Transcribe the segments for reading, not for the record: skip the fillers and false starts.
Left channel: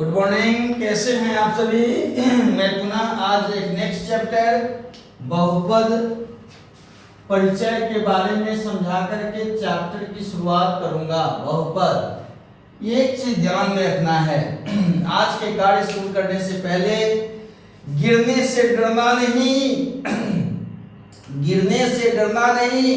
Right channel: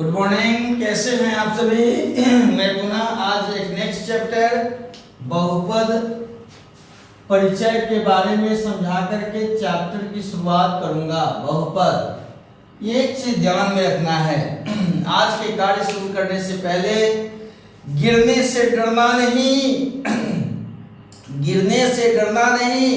Good morning, कैसे हैं आप सभी। मैं पुनः आज एक नेक्स्ट चैप्टर बहुपद परिचय के बारे में समझा करके चैप्टर की शुरुआत करूंगा। बहुपद, एक चीज ध्यान में रखना है। आज के कार्य शुरू करने से पहले गिरने से डरना नहीं, गिरने से डरना नहीं,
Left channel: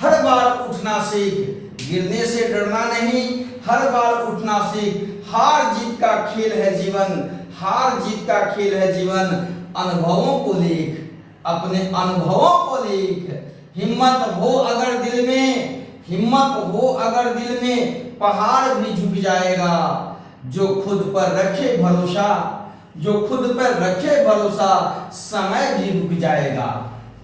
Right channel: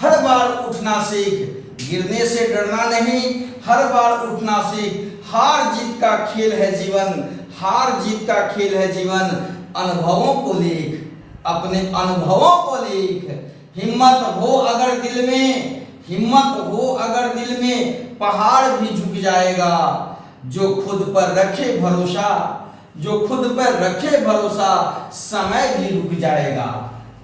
हर बार उठना सीख। गिरने से डरना नहीं, हर बार उठना सीख। हार जीत का खेल है जीवन, हार जीत का खेल है जीवन। अनुभवों को लिख, अपने अनुभवों को लिख। हिम्मत हो अगर दिल में, हिम्मत हो अगर दिल में, पहाड़ भी झुक जाएगा। जो खुद पर रखे भरोसा, जो खुद पर रखे भरोसा, समय भी रुक जाएगा।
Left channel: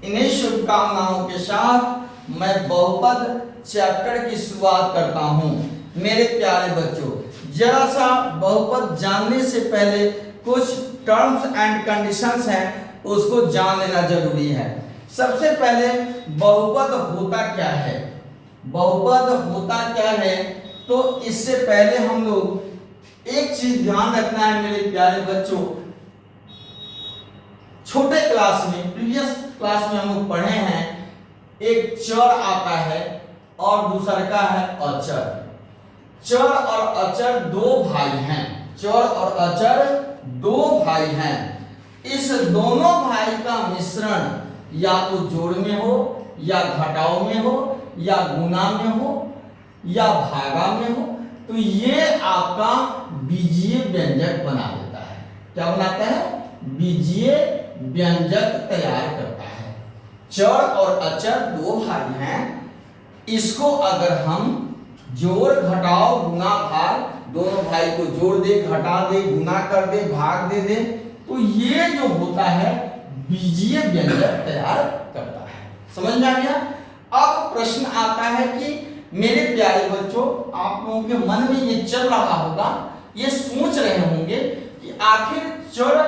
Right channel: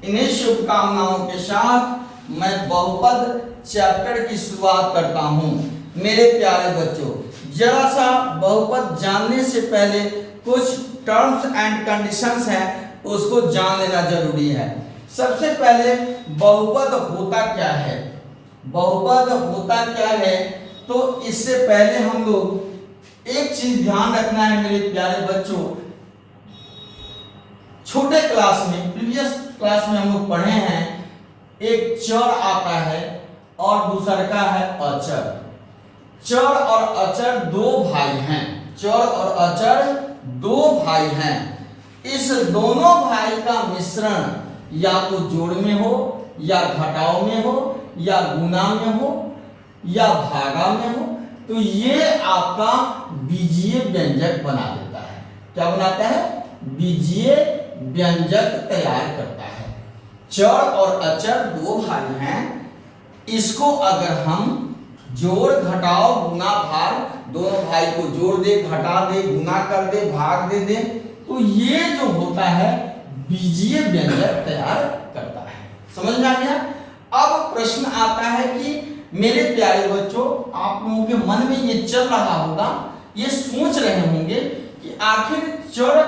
इन्हीं शुभकामनाओं के साथ मैं बहुपद चैप्टर की शुरुआत करता हूं। मेरे प्यारे बच्चों, जरा सा बहुपद जानने से पहले कुछ टर्म्स एंड कंडीशंस हैं, उसको जान लेना जरूरी है। सबसे पहले बहुपद होता क्या है, बहुपद होता क्या है, तो इससे पहले हम लोग एक चीज ध्यान रखना है मेरे प्यारे बच्चों। छोटे क्लास में, प्रीवियस क्लास में हम लोग पढ़े हैं, एक चर आता है और दूसरा का है अचर। चर और अचर दो भाई हैं, चर और अचर दो भाई हैं। इस दोनों भाई का मिश्रण या तो जोड़ में हो, या घटाव में हो, या गुना में हो, या भागा में हो, तो ये आपका बीजीय व्यंजक बना देता है। क्या बनाता है? बीजीय व्यंजक तैयार करता है। चर और अचर दो भाई हैं, इसको अगर हम जोड़ घटाव गुना भाग, दोनों भाई को जोड़ दे, घटा दे, गुना कर दे, भाग दे दे, तो ये जो होता है बीजीय व्यंजक तैयार करता है। समझ में आ गया? अब प्रश्न आता है कि मेरे प्यारे बच्चों, आप लोगों के मन में ये चल रहा होगा, ये सोच रहे होंगे कि आखिर चर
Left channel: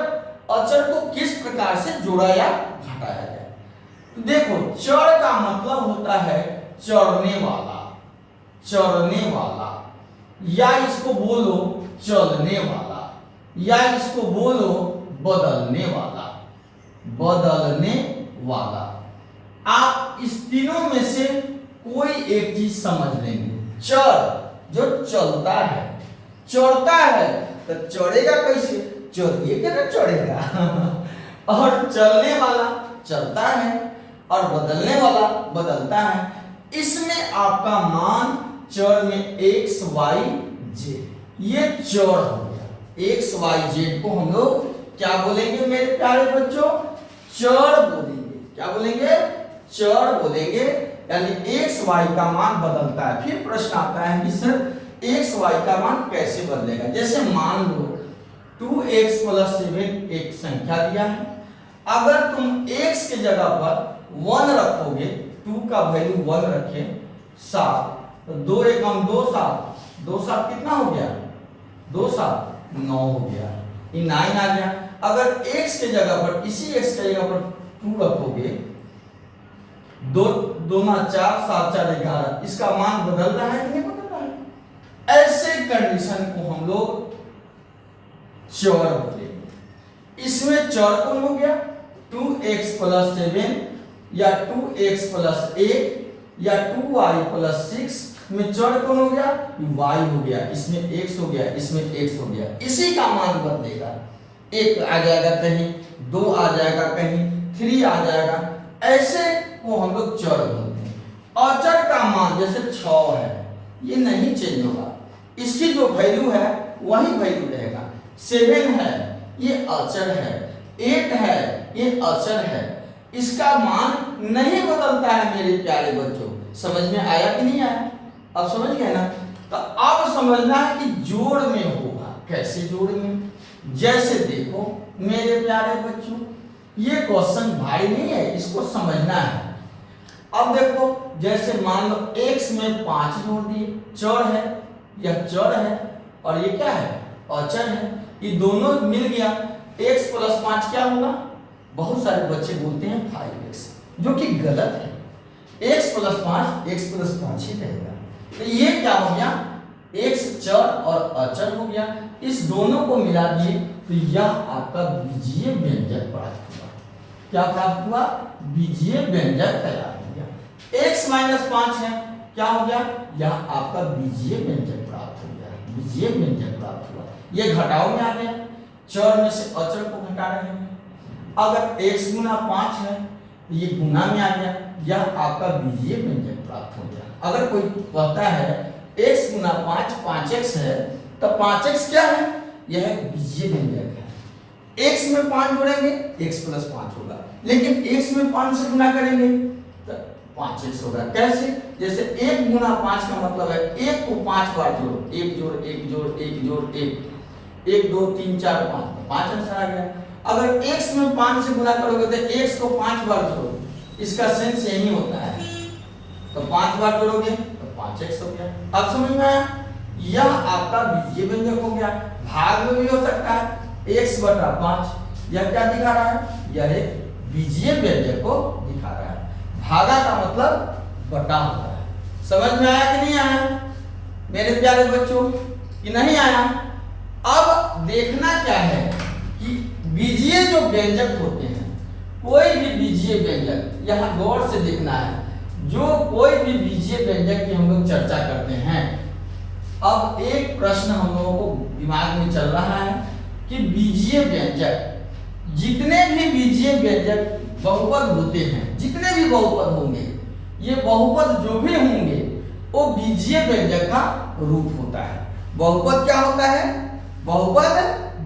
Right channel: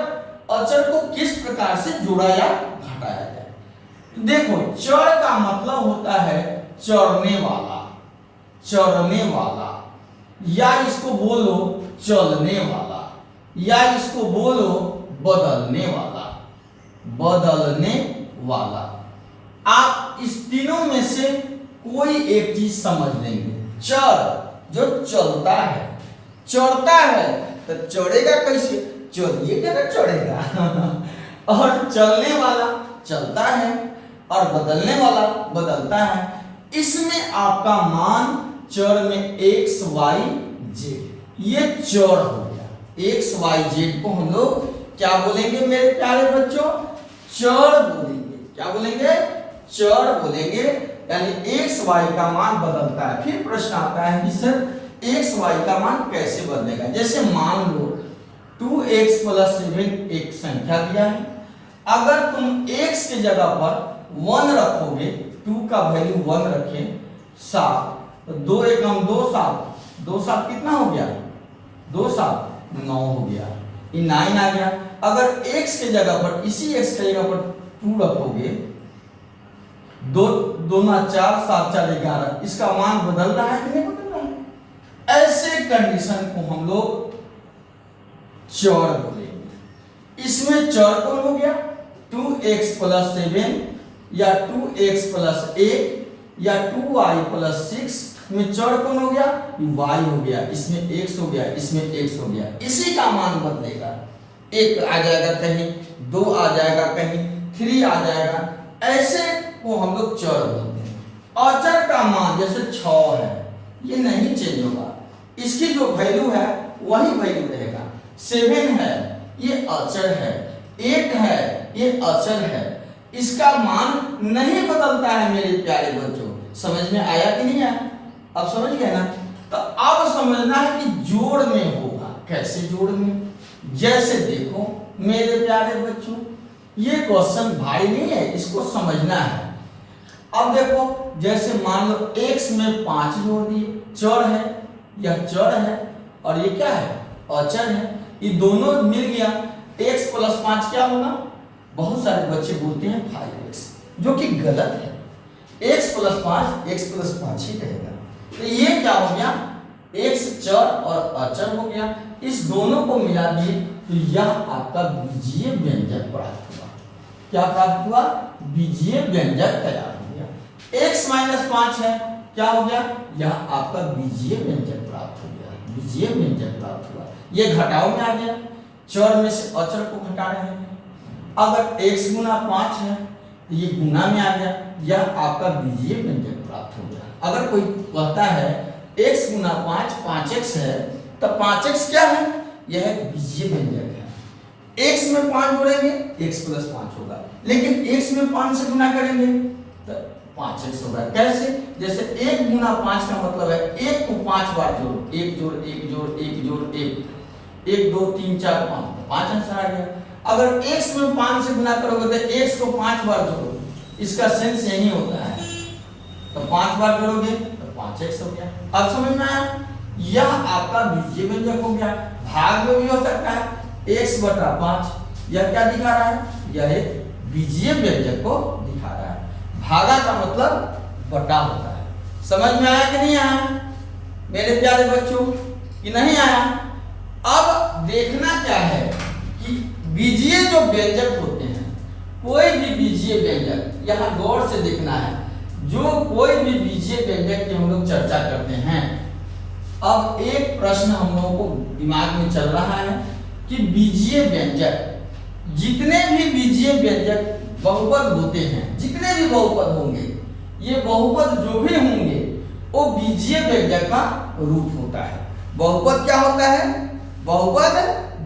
अचर को किस प्रकार से जोड़ा या घटाया जाए। देखो, चर का मतलब होता है चरने वाला, चरने वाला, या इसको बोलो चलने वाला, या इसको बोलो बदलने वाला, बदलने वाला। आप इस तीनों में से कोई एक चीज समझ लेंगे। चर जो चलता है, चढ़ता है, तो चढ़ेगा कैसे? चलिए क्या चढ़ेगा। और चलने वाला चलता है, और बदलने वाला बदलता है। इसमें आपका मान चर में एक्स वाई जेड, ये चर हो गया। एक्स वाई जेड को हम लोग क्या बोलेंगे मेरे प्यारे बच्चों? चर बोलेंगे। क्या बोलेंगे? चर बोलेंगे। यानी एक्स वाई का मान बदलता है। फिर प्रश्न आता है कि सर एक्स वाई का मान कैसे बदलेगा? जैसे मान लो 2x + 7 एक संख्या दिया है। अगर तुम x के जगह पर 1 रखोगे, 2 का वैल्यू 1 रखे, 7, तो 2 एकम 2 7, 2 7 कितना हो गया? 2 7 9 हो गया, ये 9 आ गया। अगर x के जगह पर, इसी x के जगह पर 2 रखोगे, 2 2 9 4 7 4 11, इसका मान बदल रहा है कि नहीं बदल रहा है? ऐसे कंडीशन को हम लोग चर बोलेंगे। इसमें चर कौन हो गया? 2x + 7, या 2x + 8, या 2y + 6 में चर कौन हो गया? y हो गया। इसमें x हो गया, इसमें x हो गया। इसी का मान बदलेगा। 1 आ जाएगा कहीं, 2 आ जाएगा कहीं, 3 आ जाएगा। ऐसे को हम लोग चर बोलते हैं। अचर का मान जैसे 6 है, ये नहीं चेंज होगा, इसकी जो वैल्यू है वही वैल्यू रहेगा। 7 है, ये अचर है। 8 है, ये अचर है। इसका मान नहीं बदलता है मेरे प्यारे बच्चों। समझ में आया कि नहीं आया? अब समझ गए ना? तो अब समझना है कि जोड़ में होगा। कैसे जोड़ में? जैसे देखो मेरे प्यारे बच्चों, ये क्वेश्चन भारी नहीं है, इसको समझना है। अब देखो, जैसे मान लो x में 5 जोड़ दिए, चर है, यह चर है, और ये क्या है? अचर है। ये दोनों मिल गया, x + 5 क्या होगा? बहुत सारे बच्चे बोलते हैं 5x, जो कि गलत है। x + 5 x + 5 ही रहेगा। तो ये क्या हो गया? x चर और अचर हो गया। इस दोनों को मिला दिए तो यह आपका बीजीय व्यंजक प्राप्त हुआ। क्या प्राप्त हुआ? बीजीय व्यंजक तैयार हो गया। x माइनस 5 है, क्या हो गया? यह आपका बीजीय व्यंजक प्राप्त हो गया, बीजीय व्यंजक प्राप्त हुआ। ये घटाव में आ गया, चर में से अचर को घटा रहे हैं। अगर x गुना 5 है तो ये गुना में आ गया, यह आपका बीजीय व्यंजक प्राप्त हो गया। अगर कोई कहता है x गुना 5 5x है तो 5x क्या है? यह बीजीय व्यंजक है। x में 5 जोड़ेंगे x प्लस 5 होगा, लेकिन x में 5 से गुना करेंगे तो 5x होगा। कैसे? जैसे 1 गुना 5 का मतलब है 1 को 5 बार जोड़ो, 1 जोड़ 1 जोड़ 1 जोड़ 1, 1 2 3 4 5 आंसर आ गया। अगर x में 5 से गुना करोगे तो x को 5 बार जोड़ो, इसका सेंस यही होता है, तो 5 बार जोड़ोगे तो 5x हो गया। अब समझ में आया? यह आपका बीजीय व्यंजक हो गया। भाग में भी हो सकता है x बटा 5, यह क्या दिखा रहा है? यह एक बीजीय व्यंजक को दिखा रहा है। भागा का मतलब बटा होता है। समझ में आया कि नहीं आया मेरे प्यारे बच्चों, कि नहीं आया? अब देखना क्या है कि बीजीय जो व्यंजक होते हैं, कोई भी बीजीय व्यंजक यहाँ गौर से देखना है। जो कोई भी बीजीय व्यंजक की हम लोग चर्चा करते हैं, अब एक प्रश्न हम लोगों को दिमाग में चल रहा है कि बीजीय व्यंजक, जितने भी बीजीय व्यंजक बहुपद होते हैं, जितने भी बहुपद होंगे, ये बहुपद जो भी होंगे वो बीजीय व्यंजक का रूप होता है। बहुपद क्या होता है? बहुपद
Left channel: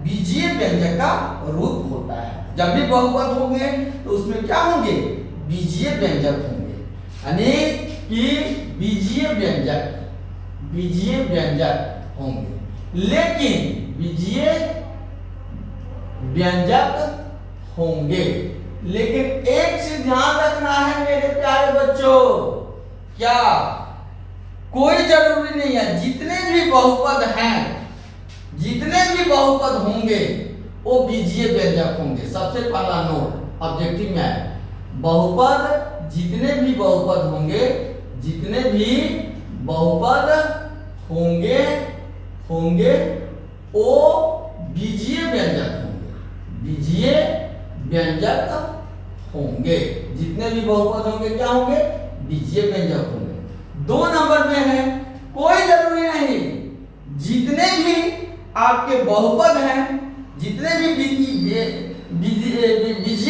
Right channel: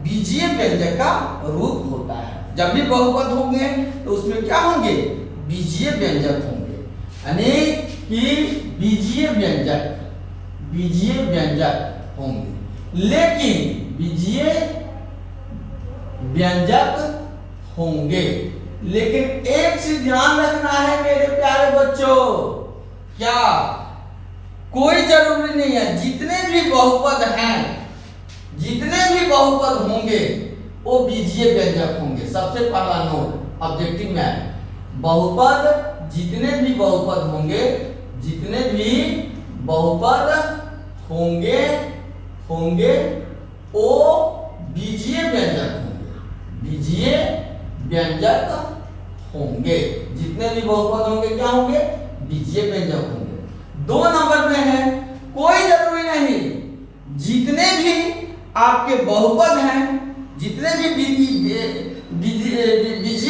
बीजीय व्यंजक का रूप होता है। जब भी बहुपद होंगे तो उसमें क्या होंगे? बीजीय व्यंजक होंगे, यानी कि बीजीय व्यंजक होंगे। लेकिन बीजीय व्यंजक होंगे, लेकिन एक चीज ध्यान रखना है मेरे प्यारे बच्चों, क्या? कोई जरूरी नहीं है, जितने भी बहुपद हैं, जितने भी बहुपद होंगे वो बीजीय व्यंजक होंगे। सबसे पहला नोट ऑब्जेक्टिव में है, बहुपद जितने भी बहुपद होंगे, जितने भी बहुपद होंगे वो बीजीय व्यंजक होंगे, बीजीय व्यंजक होंगे। जितने भी बहुपद होंगे क्या होंगे? बीजीय व्यंजक होंगे। 2 नंबर में है, कोई जरूरी नहीं, जितने भी आपके बहुपद हैं, जितने भी बीजीय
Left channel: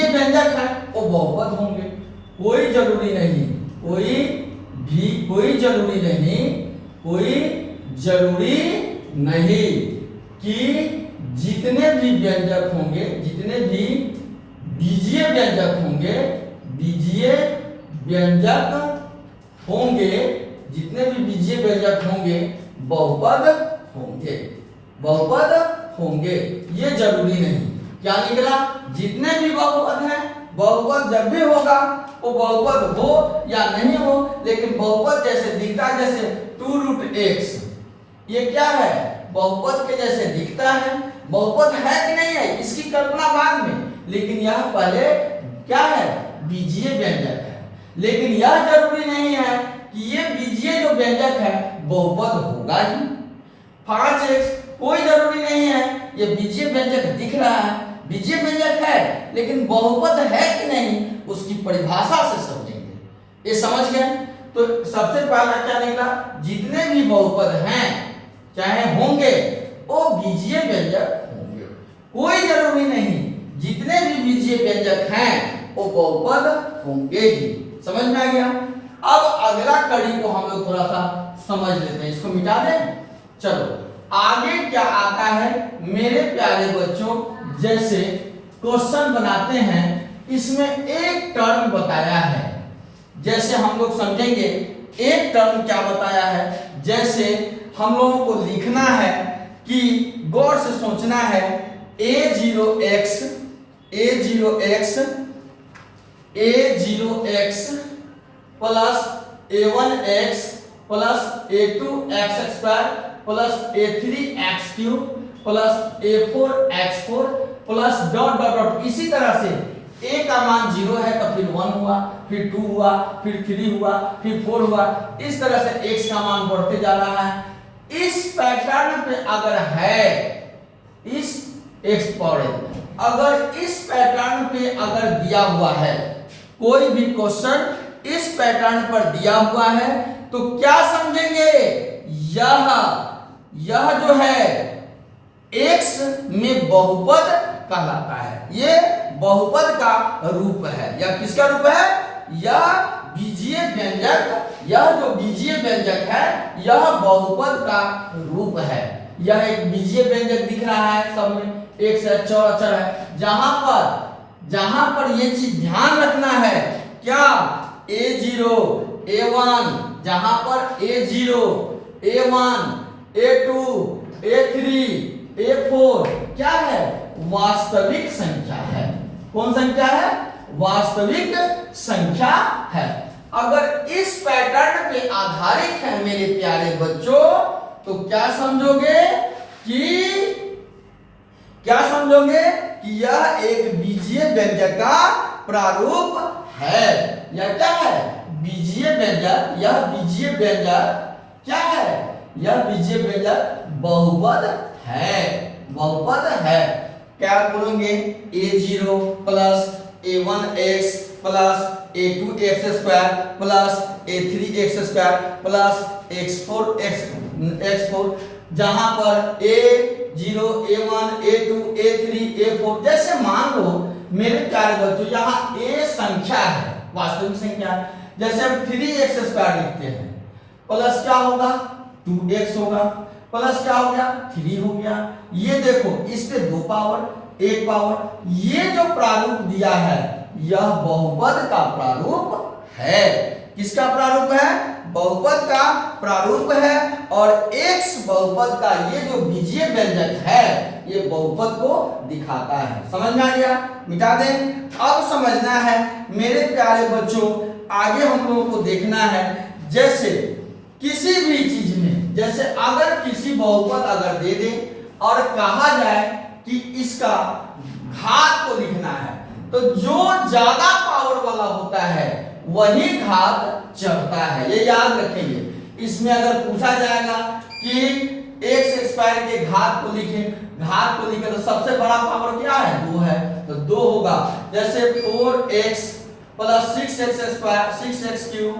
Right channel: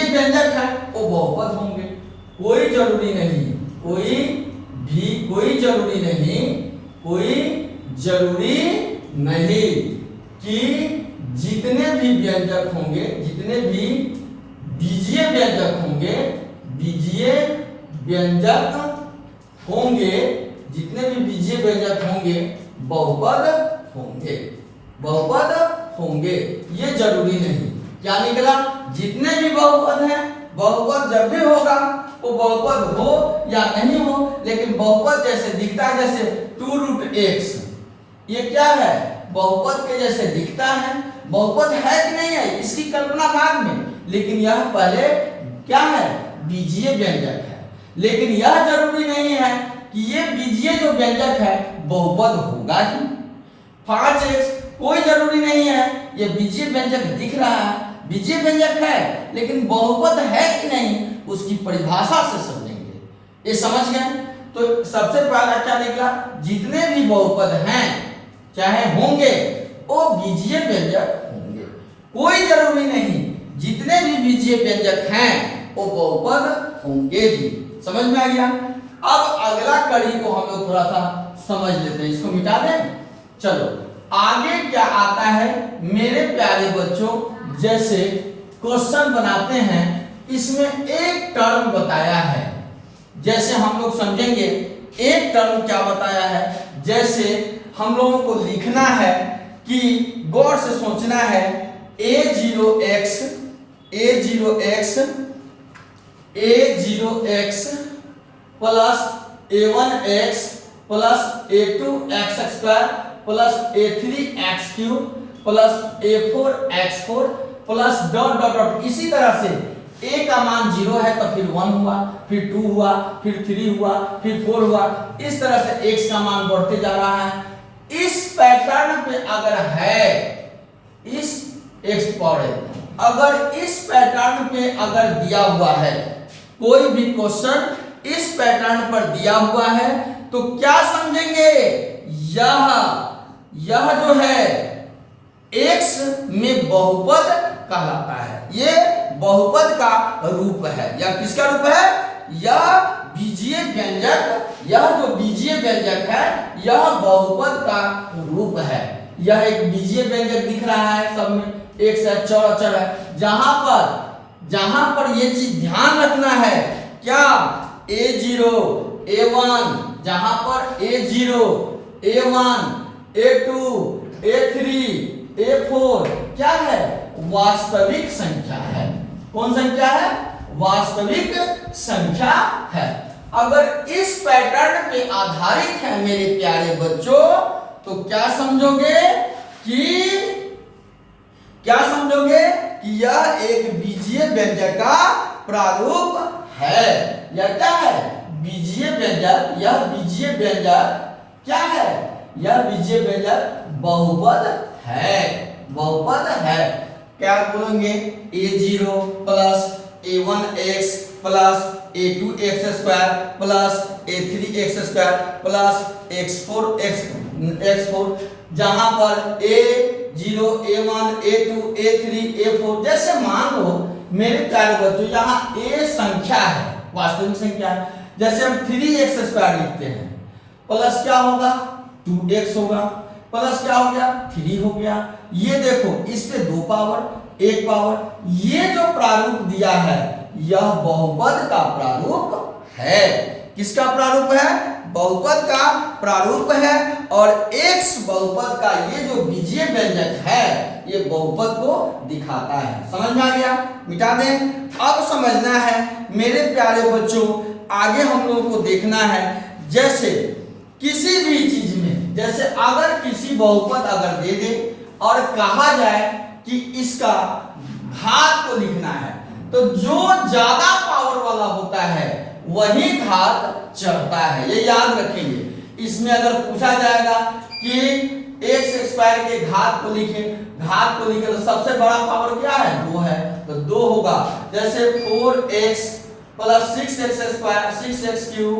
व्यंजक हैं वो बहुपद होंगे। कोई जरूरी नहीं, कोई जरूरी नहीं कि जितने भी व्यंजक होंगे, जितने भी बीजीय व्यंजक होंगे, जितने भी बीजीय व्यंजक होंगे बहुपद होंगे, ये जरूरी नहीं। क्या निकला? जितने भी बहुपद हैं, बहुपद जब भी होगा वो बहुपद हो या नहीं हो, लेकिन बहुपद जैसे दिखता है, जैसे 2√x, ये क्या है? बहुपद के जैसे दिखता है। बहुपद है कि नहीं है, इसकी कल्पना बाद में, लेकिन यह पहले क्या है? बीजीय व्यंजक है। लेकिन यह जरूरी नहीं है कि ये बीजीय जो व्यंजक है बहुपद होगा ही। 5x कोई जरूरी नहीं है, ये बीजीय व्यंजक दिख रहा है, बीजीय व्यंजक है, लेकिन बहुपद है कि नहीं उसकी परिभाषा से समझेंगे। ये समझ गए? तो सबसे पहला क्या निकला? जितने भी बहुपद हैं चाहे होंगे वो बीजीय व्यंजक होंगे। कोई जरूरी नहीं, जितने भी बीजीय व्यंजक हैं वो बहुपद होंगे ही। समझ में आ गया? अब अगला कड़ी को हम लोग थोड़ा सा समझ लेते हैं, इसको मिटा दें। चलो आगे क्या आता है मेरे प्यारे बच्चों, जैसे क्वेश्चन बनाते हैं, इसमें एक टर्म बताया है। जैसे हम लोग समझेंगे एक टर्म क्या बताया है, जैसे हम लोगों को लिखना है कि गौर से सोचना है, a0x plus a1x plus a2x² plus a3x³ plus a4x4 plus dot dot dot. इसी तरह से a का मान 0 है तो फिर 1 हुआ, फिर 2 हुआ, फिर 3 हुआ, फिर 4 हुआ। इस तरह से x का मान बढ़ते जा रहा है। इस पैटर्न पे अगर है एक्स पावर n। अगर इस पैटर्न पे अगर दिया हुआ है, कोई भी क्वेश्चन इस पैटर्न पर दिया हुआ है, तो क्या समझेंगे, यह जो है x में बहुपद कहलाता है। ये बहुपद का रूप है। यह किसका रूप है, यह बीजीय व्यंजक, यह जो बीजीय व्यंजक है यह बहुपद का रूप है। यह एक बीजीय व्यंजक दिख रहा है, सब में एक से चर अचर है। जहां पर ये चीज ध्यान रखना है, क्या a0 a1, जहां पर a0 a1 a2 a3 a4 क्या है, वास्तविक संख्या है। कौन संख्या है, वास्तविक संख्या है। अगर इस पैटर्न पे आधारित है मेरे प्यारे बच्चों, तो क्या समझोगे कि यह एक बीजीय व्यंजक का प्रारूप है। यह क्या है, बीजीय व्यंजक। यह बीजीय व्यंजक क्या है, यह बीजीय व्यंजक बहुपद है, बहुपद है। क्या बोलेंगे, a0 plus a1x plus a2x square plus a3x square plus x4 जहां पर a0 a1 a2 a3 a4, जैसे मान लो मेरे प्यारे बच्चों यहाँ a संख्या है, वास्तविक संख्या है। जैसे हम 3x स्क्वायर लिखते हैं, प्लस क्या होगा 2x होगा, प्लस क्या हो गया 3 हो गया। ये देखो इस पे 2 पावर 1 पावर, ये जो प्रारूप दिया है यह बहुपद का प्रारूप है। किसका प्रारूप है, बहुपद का प्रारूप है। और x बहुपद का ये जो बीजीय व्यंजक है ये बहुपद को दिखाता है। समझ में आ गया, मिटा दें। अब समझना है मेरे प्यारे बच्चों, आगे हम लोगों को देखना है, जैसे किसी भी चीज में, जैसे अगर किसी बहुपद अगर दे दे और कहा जाए कि इसका घात को लिखना है, तो जो ज्यादा पावर वाला होता है वही घात चढ़ता है, ये याद रखेंगे। इसमें अगर पूछा जाएगा कि x स्क्वायर के घात को लिखें, तो सबसे बड़ा पावर क्या है, 2 है, तो 2 होगा। जैसे 4x plus 6x square 6x cube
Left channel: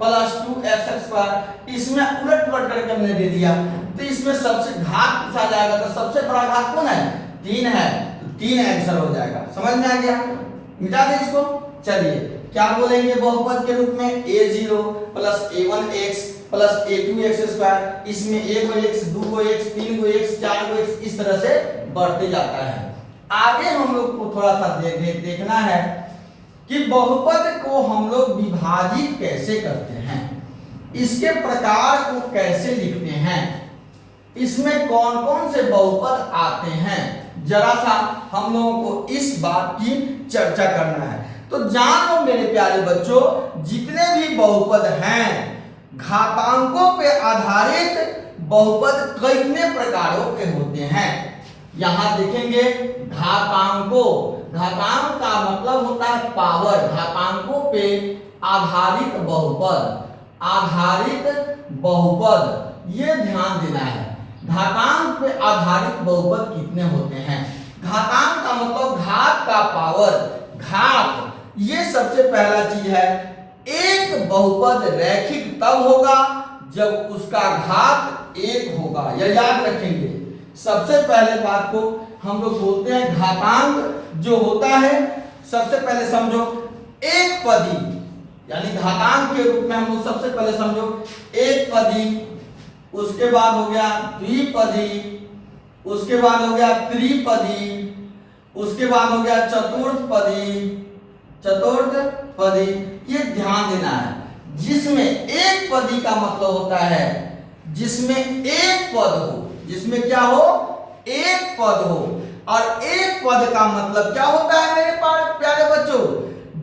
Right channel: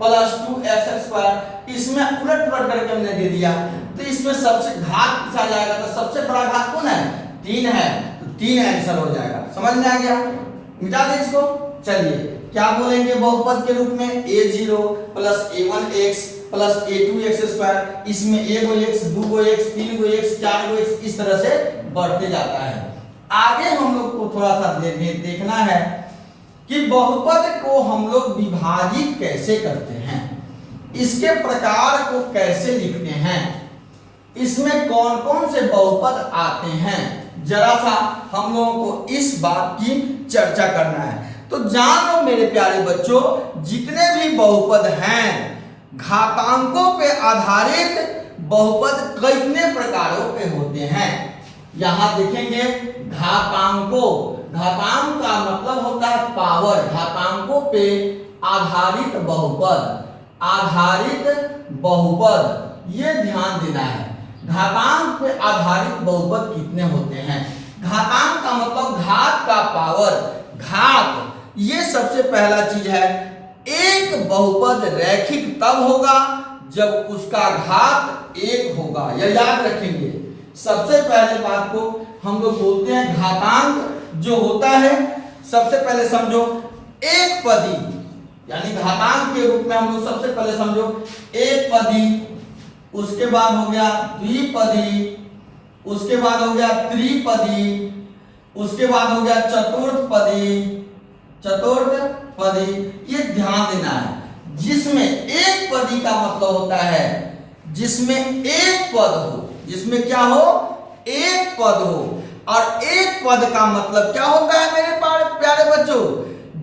plus 2x square, इसमें उलट पुलट करके हमने दे दिया, तो इसमें सबसे घात पूछा जाएगा तो सबसे बड़ा घात कौन है, 3 है, तो 3 आंसर हो जाएगा। समझ में आ गया, मिटा दे इसको। चलिए क्या बोलेंगे बहुपद के रूप में, a0 plus a1x plus a2x square, इसमें 1x 2x 3x 4x इस तरह से बढ़ते जाता है। आगे हम लोग को थोड़ा सा देखना है कि बहुपद को हम लोग विभाजित कैसे करते हैं, इसके प्रकार को कैसे लिखते हैं, इसमें कौन कौन से बहुपद आते हैं, जरा सा हम लोगों को इस बात की चर्चा करना है। तो जान लो मेरे प्यारे बच्चों, जितने भी बहुपद हैं, घातांकों पे आधारित बहुपद कितने प्रकारों पे होते हैं। यहां देखेंगे घातांकों, घातांक का मतलब होता है पावर, घातांकों पे आधारित बहुपद, आधारित बहुपद, ये ध्यान देना है। घातांक पे आधारित बहुपद कितने होते हैं। घातांक का मतलब घात का पावर, घात, ये सबसे पहला चीज है। एक बहुपद रैखिक तब होगा जब उसका घात 1 होगा, यह याद रखेंगे। सबसे पहले बात को हम लोग बोलते हैं घातांक जो होता है, सबसे पहले समझो एक पदी, यानी घातांक के रूप में हम लोग सबसे पहले समझो एक पदी, उसके बाद हो गया द्विपदी, उसके बाद हो गया त्रिपदी, उसके बाद हो गया चतुर्थपदी, चतुर्थपदी। ये ध्यान देना है, जिसमें एक पदी का मतलब होता है जिसमें एक पद हो, जिसमें क्या हो, एक पद हो। और एक पद का मतलब क्या होता है मेरे प्यारे बच्चों,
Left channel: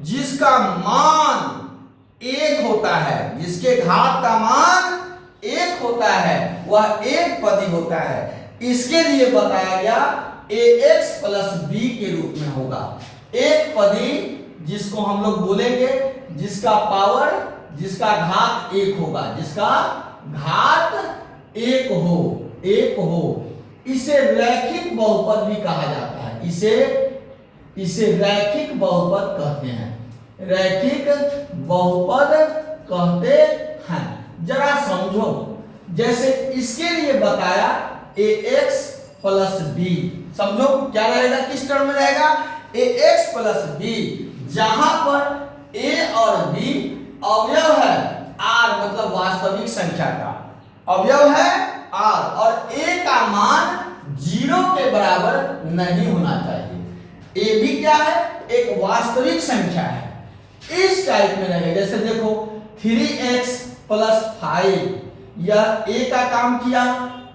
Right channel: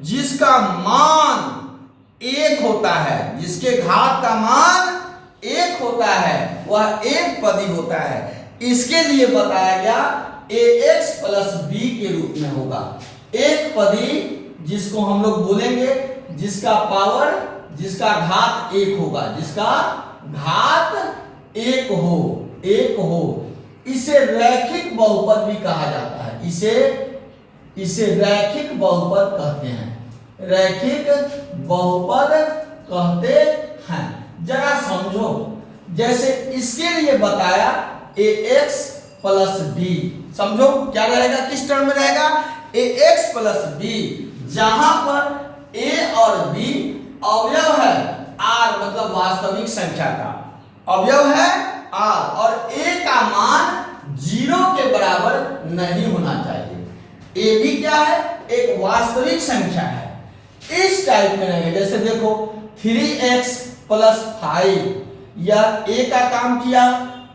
जिसका मान 1 होता है, जिसके घात का मान 1 होता है, वह एक पदी होता है। इसके लिए बताया गया ax प्लस b के रूप में होगा। एक पदी जिसको हम लोग बोलेंगे जिसका पावर, जिसका घात 1 होगा, जिसका घात 1 हो, इसे रैखिक बहुपद भी कहा जाता है। इसे रैखिक बहुपद कहते हैं, रैखिक बहुपद कहते हैं। जरा समझो, जैसे इसके लिए बताया ax प्लस बी, समझो क्या रहेगा, किस टर्म में रहेगा, ax प्लस बी, जहां पर a और b अवयव है r, मतलब वास्तविक संख्या का अवयव है r, और a का मान 0 के बराबर नहीं होना चाहिए। a भी क्या है, एक वास्तविक संख्या है। इस टाइप में रहेगा, जैसे देखो 3x प्लस 5, यह a का काम किया,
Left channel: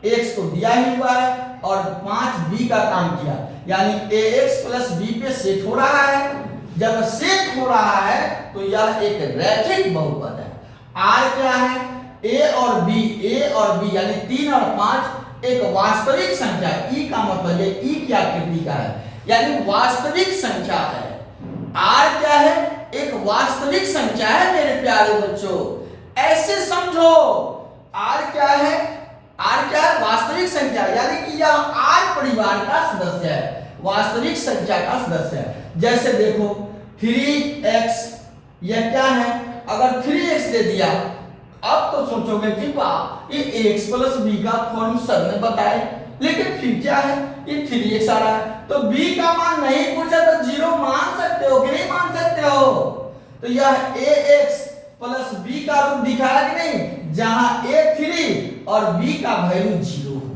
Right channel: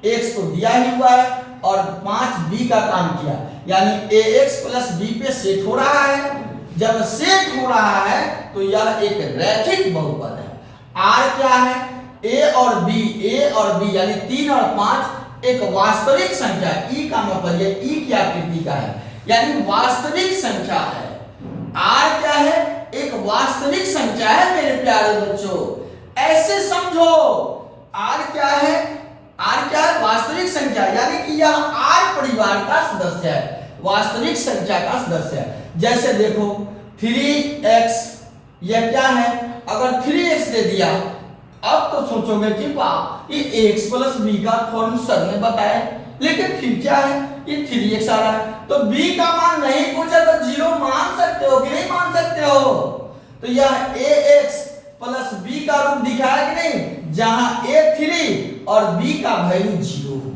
x तो दिया ही हुआ है, और 5b का काम किया, यानी ax प्लस b पे सेट हो रहा है। जब सेट हो रहा है तो यह एक रैखिक बहुपद है। r क्या है, a और b यानी 3 और 5 एक वास्तविक संख्या, e का मतलब ये e की आकृति का है, यानी वास्तविक संख्या है। r क्या है, एक वास्तविक संख्या है मेरे प्यारे बच्चों, ऐसे समझो। r क्या है, वास्तविक संख्या, यानी कि यह r परिवार का सदस्य है, वास्तविक संख्या का सदस्य है। जैसे देखो 3x, यह क्या है, अगर 3x दे दिया, अब तो सोचोगे कि वाह ये x प्लस b का फॉर्म सर ने बताया, लेकिन फिर क्या है, ये 3x आ रहा है, तो b का मान नहीं पूछा तो 0 मान सकते हो कि नहीं मान सकते हो। तो यह ax प्लस b का रूप दिखाया कि नहीं, जहां a 3 और b का वैल्यू 0 हो,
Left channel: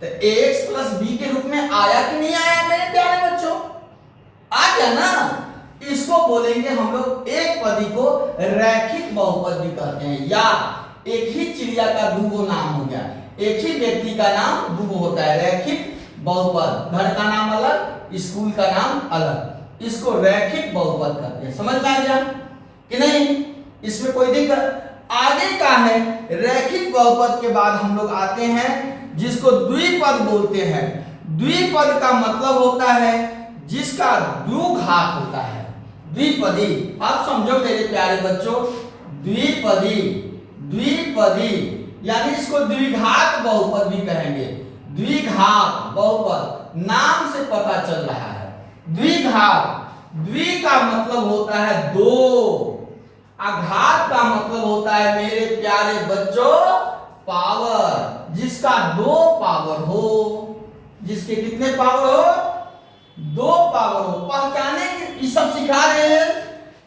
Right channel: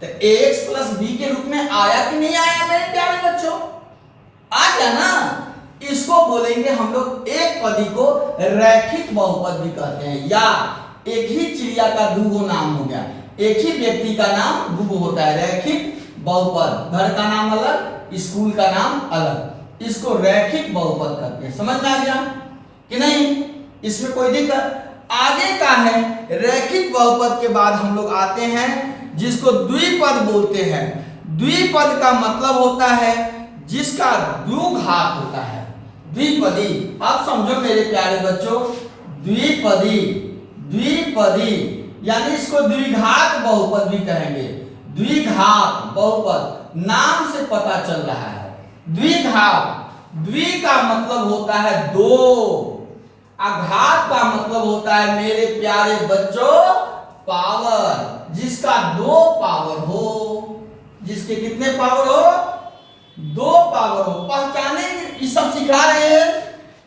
तो ax प्लस b के रूप में आया कि नहीं आया मेरे प्यारे बच्चों, आ गया ना। इसको बोलेंगे हम लोग एक पदी को रैखिक बहुपद भी कहते हैं, या एक ही चिड़िया का दूगो नाम हो गया, एक ही व्यक्ति का नाम दूगो होता है, रैखिक बहुपद। घर का नाम अलग, स्कूल का नाम अलग, इसको रैखिक बहुपद कहते हैं। समझ में आ गया कि नहीं, इसमें कोई दिक्कत। आगे का है रैखिक बहुपद के बाद हम लोग आते हैं जिसको द्विपद बोलते हैं। द्विपद का मतलब होता है जिसका द्विघात होता है, द्विपदी। आप समझो मेरे प्यारे बच्चों, द्विपदी यानी इसको द्विघात बहुपद भी कहेंगे। द्विघात बहुपद नाम से पता चल रहा है। द्विघात, द्वि का मतलब होता है दो, आघात का मतलब होता है मेरे प्यारे बच्चों पावर, जिसका 2 पावर हो, जिसके कितने पावर हो, 2 पावर हो। पहचानेंगे, ये सब सिखा रहे हैं।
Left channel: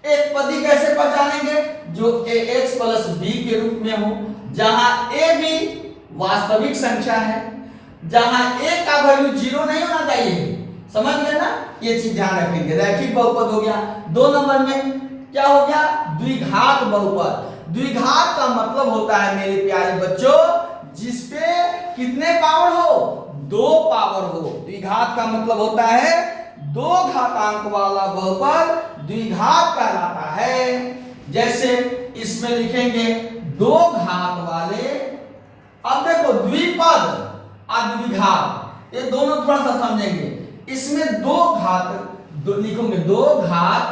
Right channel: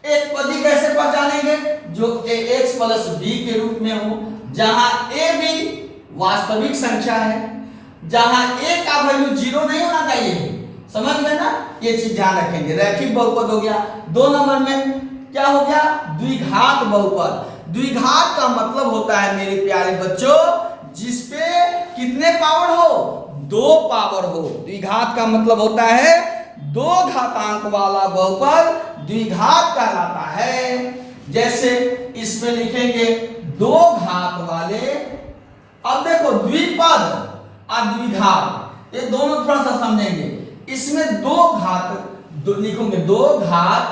एक पदी कैसे पहचानेंगे, जो ax प्लस b के रूप में हो, जहां a भी वास्तविक संख्या है, जहां a का वैल्यू 0 नहीं होना चाहिए। समझ गए ना, ये चीज ध्यान रखेंगे। रैखिक बहुपद हो गया। 2 नंबर में क्या हो गया, द्विघात बहुपद। द्विघात का मतलब होता है मेरे प्यारे बच्चों जिसपे कितने पावर हो, 2 पावर हो। द्विघात का मतलब होता है 2 घातांक वाला बहुपद द्विघात कहलाता है। जैसे इसमें लिखेंगे 2 घात वाले, अब देखो द्विपद और द्विघात ये दोनों थोड़ा सा समझेंगे। इसमें 2 घात लिखोगे, 2 घात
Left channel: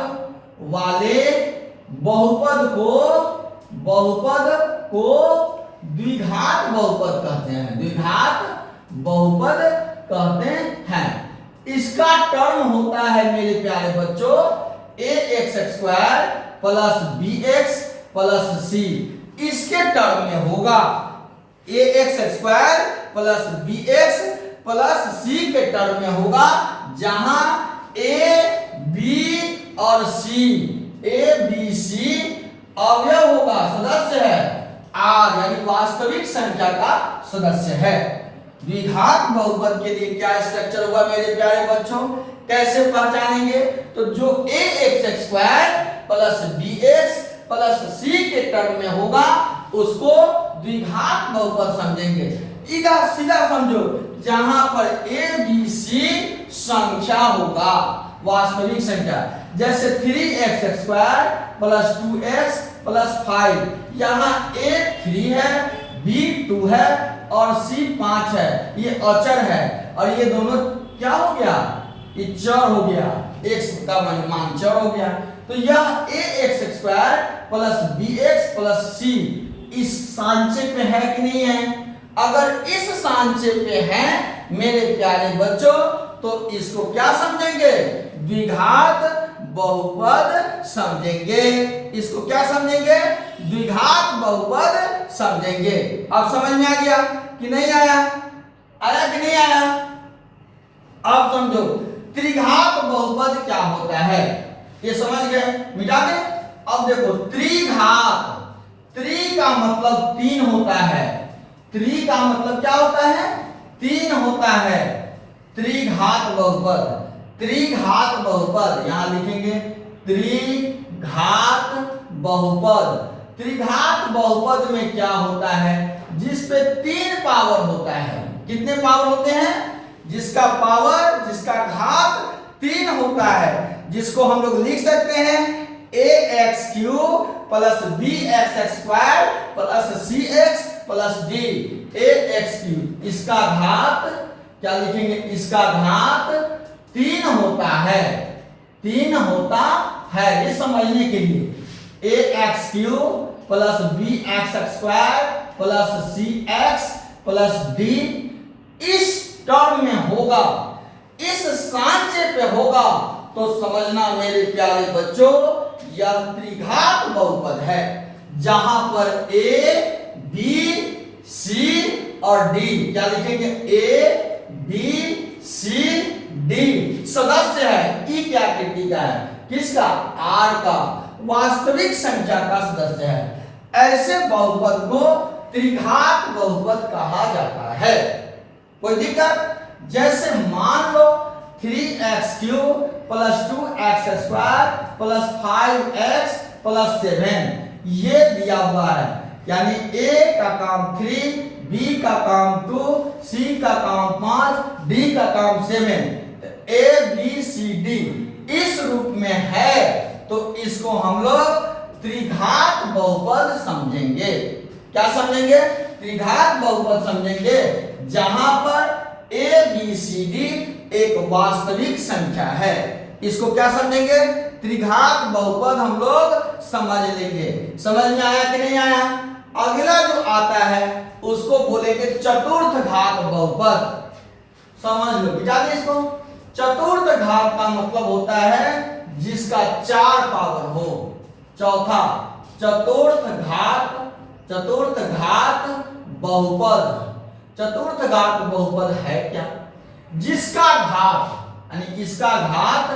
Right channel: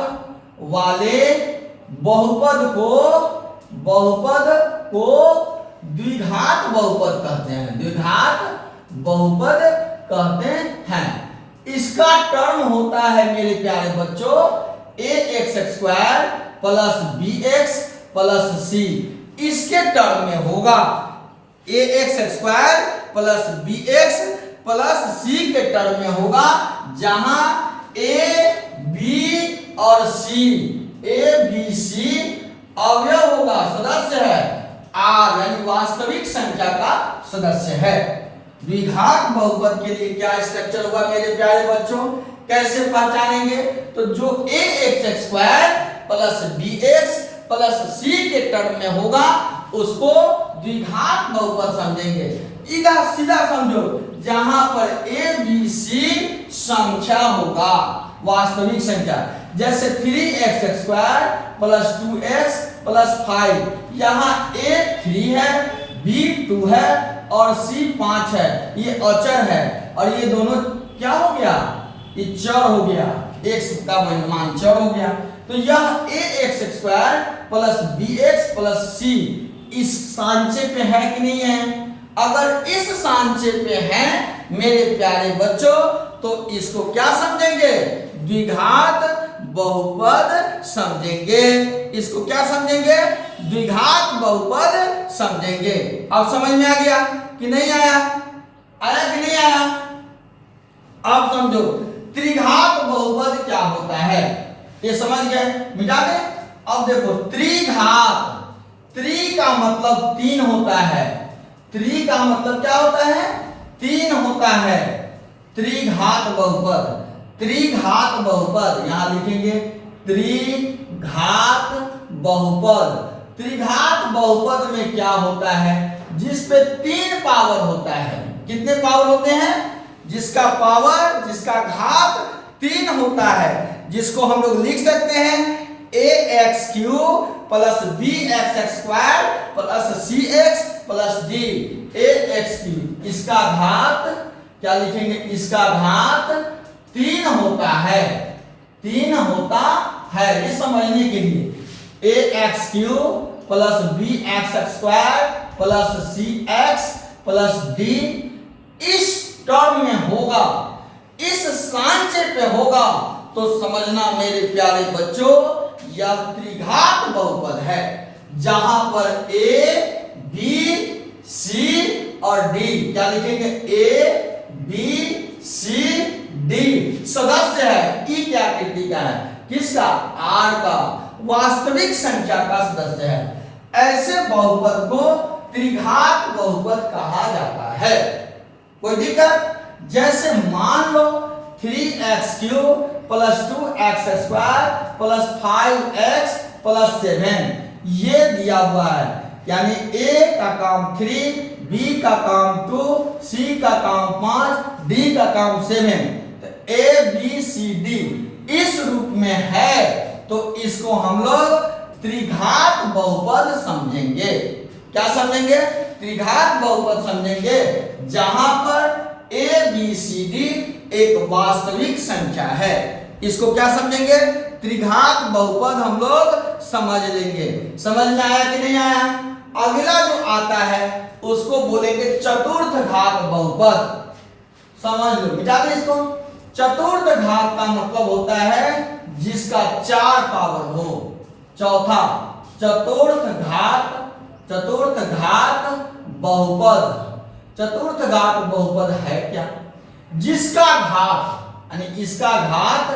वाले बहुपद को द्विघात बहुपद कहते हैं, द्विघात बहुपद कहते हैं। इसका टर्म होता है मेरे प्यारे बच्चों ax² plus bx plus c, इसके टर्म में होगा ax² plus bx plus c के टर्म में होगा, जहां a b और c, a b c अवयव होगा, सदस्य है, r यानी वास्तविक संख्या का सदस्य है। द्विघात बहुपद के लिए क्या स्ट्रक्चर हुआ मेरे प्यारे बच्चों, कैसे पहचानेंगे, तो जो ax² plus bx plus c के टर्म में होगा उसको द्विघात बहुपद समझेंगे। इधर सीधा समझो, जहां पर a b c संख्या होगा, वास्तविक संख्या। जैसे 3x² प्लस 2x प्लस 5, यहाँ a 3 है, b 2 है और c 5 है, ये अचर है, और ये दोनों क्या हो गया, ये चर हो गया, x का मान चर हो गया। तो यह ax² plus bx plus c इस सांचे पे है कि नहीं है, अगर इस सांचे पे है मेरे प्यारे बच्चों, तो इसको क्या समझेंगे? द्विघात बहुपद समझेंगे। इसको क्या समझेंगे? द्विघात बहुपद समझेंगे। अब समझ में आ गया कि नहीं आया? आया कि नहीं आया? अब समझो त्रिघात बहुपद क्या होता है, ये समझ गए, मिटा दे। अब देखो त्रिघात, त्रि का मतलब 3 होता है, त्रि का मतलब क्या होता है? 3 होता है। त्रिघात बहुपद, त्रिघात बहुपद यहां लिखेंगे त्रिघात बहुपद। त्रिघात बहुपद में क्या होता है? जिस पे 3 पावर होता है। कितने पावर होते हैं? जिसका पावर, जिसका घात 3 होता है, जिसको हम लोग लिख सकते हैं ax³ plus bx² plus cx plus d। ax³, इसका घात क्या लिखेंगे? इसका घात 3 होता है, 3 होता है, ये समझने के लिए ax³ plus bx² plus cx plus d इस टर्म में होगा, इस सांचे पे होगा, तो समझना मेरे प्यारे बच्चों यह त्रिघात बहुपद है, जहां पर a, b, c और d क्या लिखेंगे? a, b, c, d सदस्य है। ई क्या आकृति का है? किसका? r का, वास्तविक संख्या का सदस्य है। ऐसे बहुपद को त्रिघात बहुपद कहा जाता है। कोई दिक्कत? जैसे मान लो 3x³ plus 2x² plus 5x plus 7 ये दिया हुआ है, यानी a का काम 3, b का काम 2, c का काम 5, d का काम 7, a b c d इस रूप में है, तो इसको हम लोग त्रिघात बहुपद समझेंगे। क्या समझेंगे? त्रिघात बहुपद समझेंगे, जहां पर a b c d एक वास्तविक संख्या है। इसको क्या समझेंगे? त्रिघात बहुपद हम लोग समझ लेंगे। समझ में आया कि नहीं आया? अगला जो आता है उसको बोलेंगे चतुर्थ घात बहुपद। समझ लो, मिटा दे इसको। चतुर्थ घात का मतलब होता है जिसका 4 पावर हो। चौथा चतुर्थ घात, चतुर्थ घात बहुपद। चतुर्थ घात बहुपद है क्या? जिसका घात यानी इसका घात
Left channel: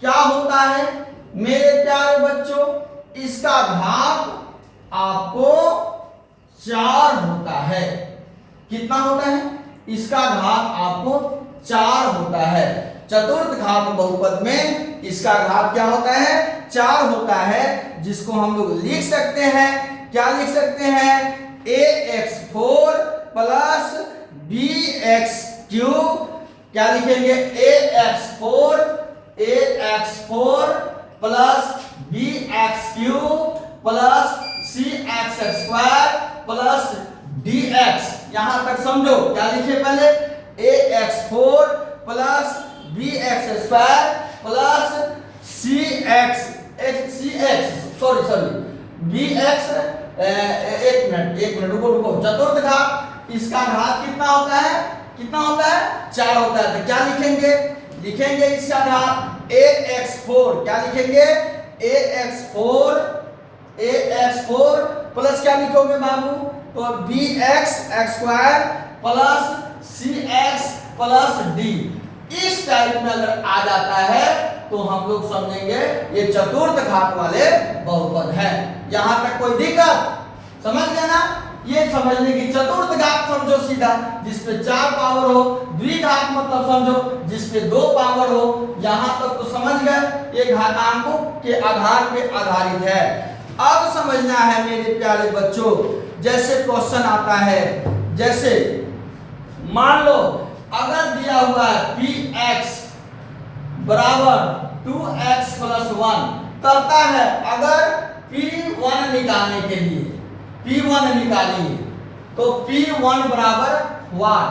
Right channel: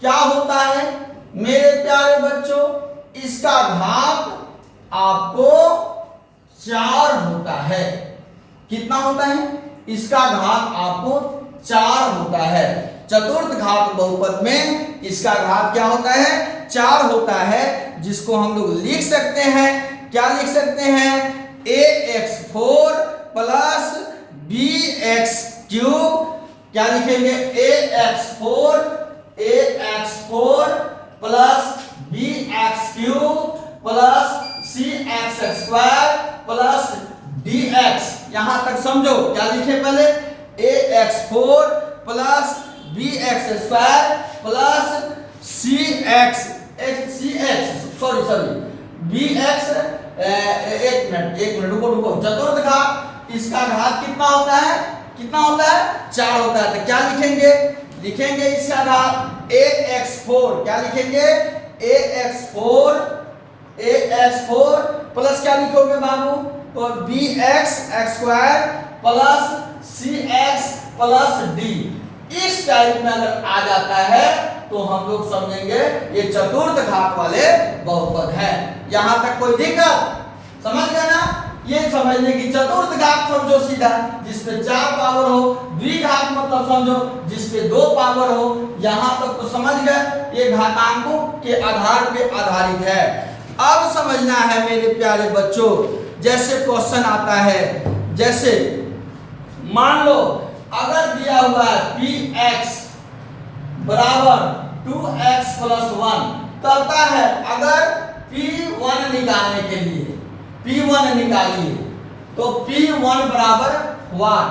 क्या होता है मेरे प्यारे बच्चों? इसका घात आपको 4 होता है। कितना होता है? इसका घात आपको 4 होता है। चतुर्थ घात बहुपद में इसका घात क्या होता है? 4 होता है, जिसको हम लोग लिख सकते हैं, क्या लिख सकते हैं? ax4 प्लस bx³ क्या लिखेंगे? ax4 plus bx³ plus cx² plus dx। यहां तक समझो, क्या लिखे पहले? ax4 plus bx² plus cx bx। एक मिनट रुको। चतुर्थ घात, इसका घात कितना होता है? कितना होता है? 4 होता है। तो क्या लिखेंगे? लिखेंगे इसका घात ax4। क्या लिखेंगे? ax4 प्लस क्या लिखोगे बाबू? तो bx² plus cx plus d। इस टाइप में अगर आ जाता है तो हम लोग समझेंगे ये चतुर्थ घात वाले बहुपद है। यहां तक कोई दिक्कत? समझ गए ना? ये समझने की चतुर्थ घात समझो सीधा, जिसपे 4 पावर हो। द्विघात मतलब समझो जिसपे 2 पावर हो। यहां तक तो समझ गए, ये घातांकों के आधार पे आधारित है। अब समझना है मेरे प्यारे बच्चों, जैसे क्वेश्चन आता है, जैसे मान लो अगर दिया हुआ है px बराबर 2x प्लस 1 करता है, अगर p1 निकालने के लिए p1 निकालिए तो p1 बराबर 1।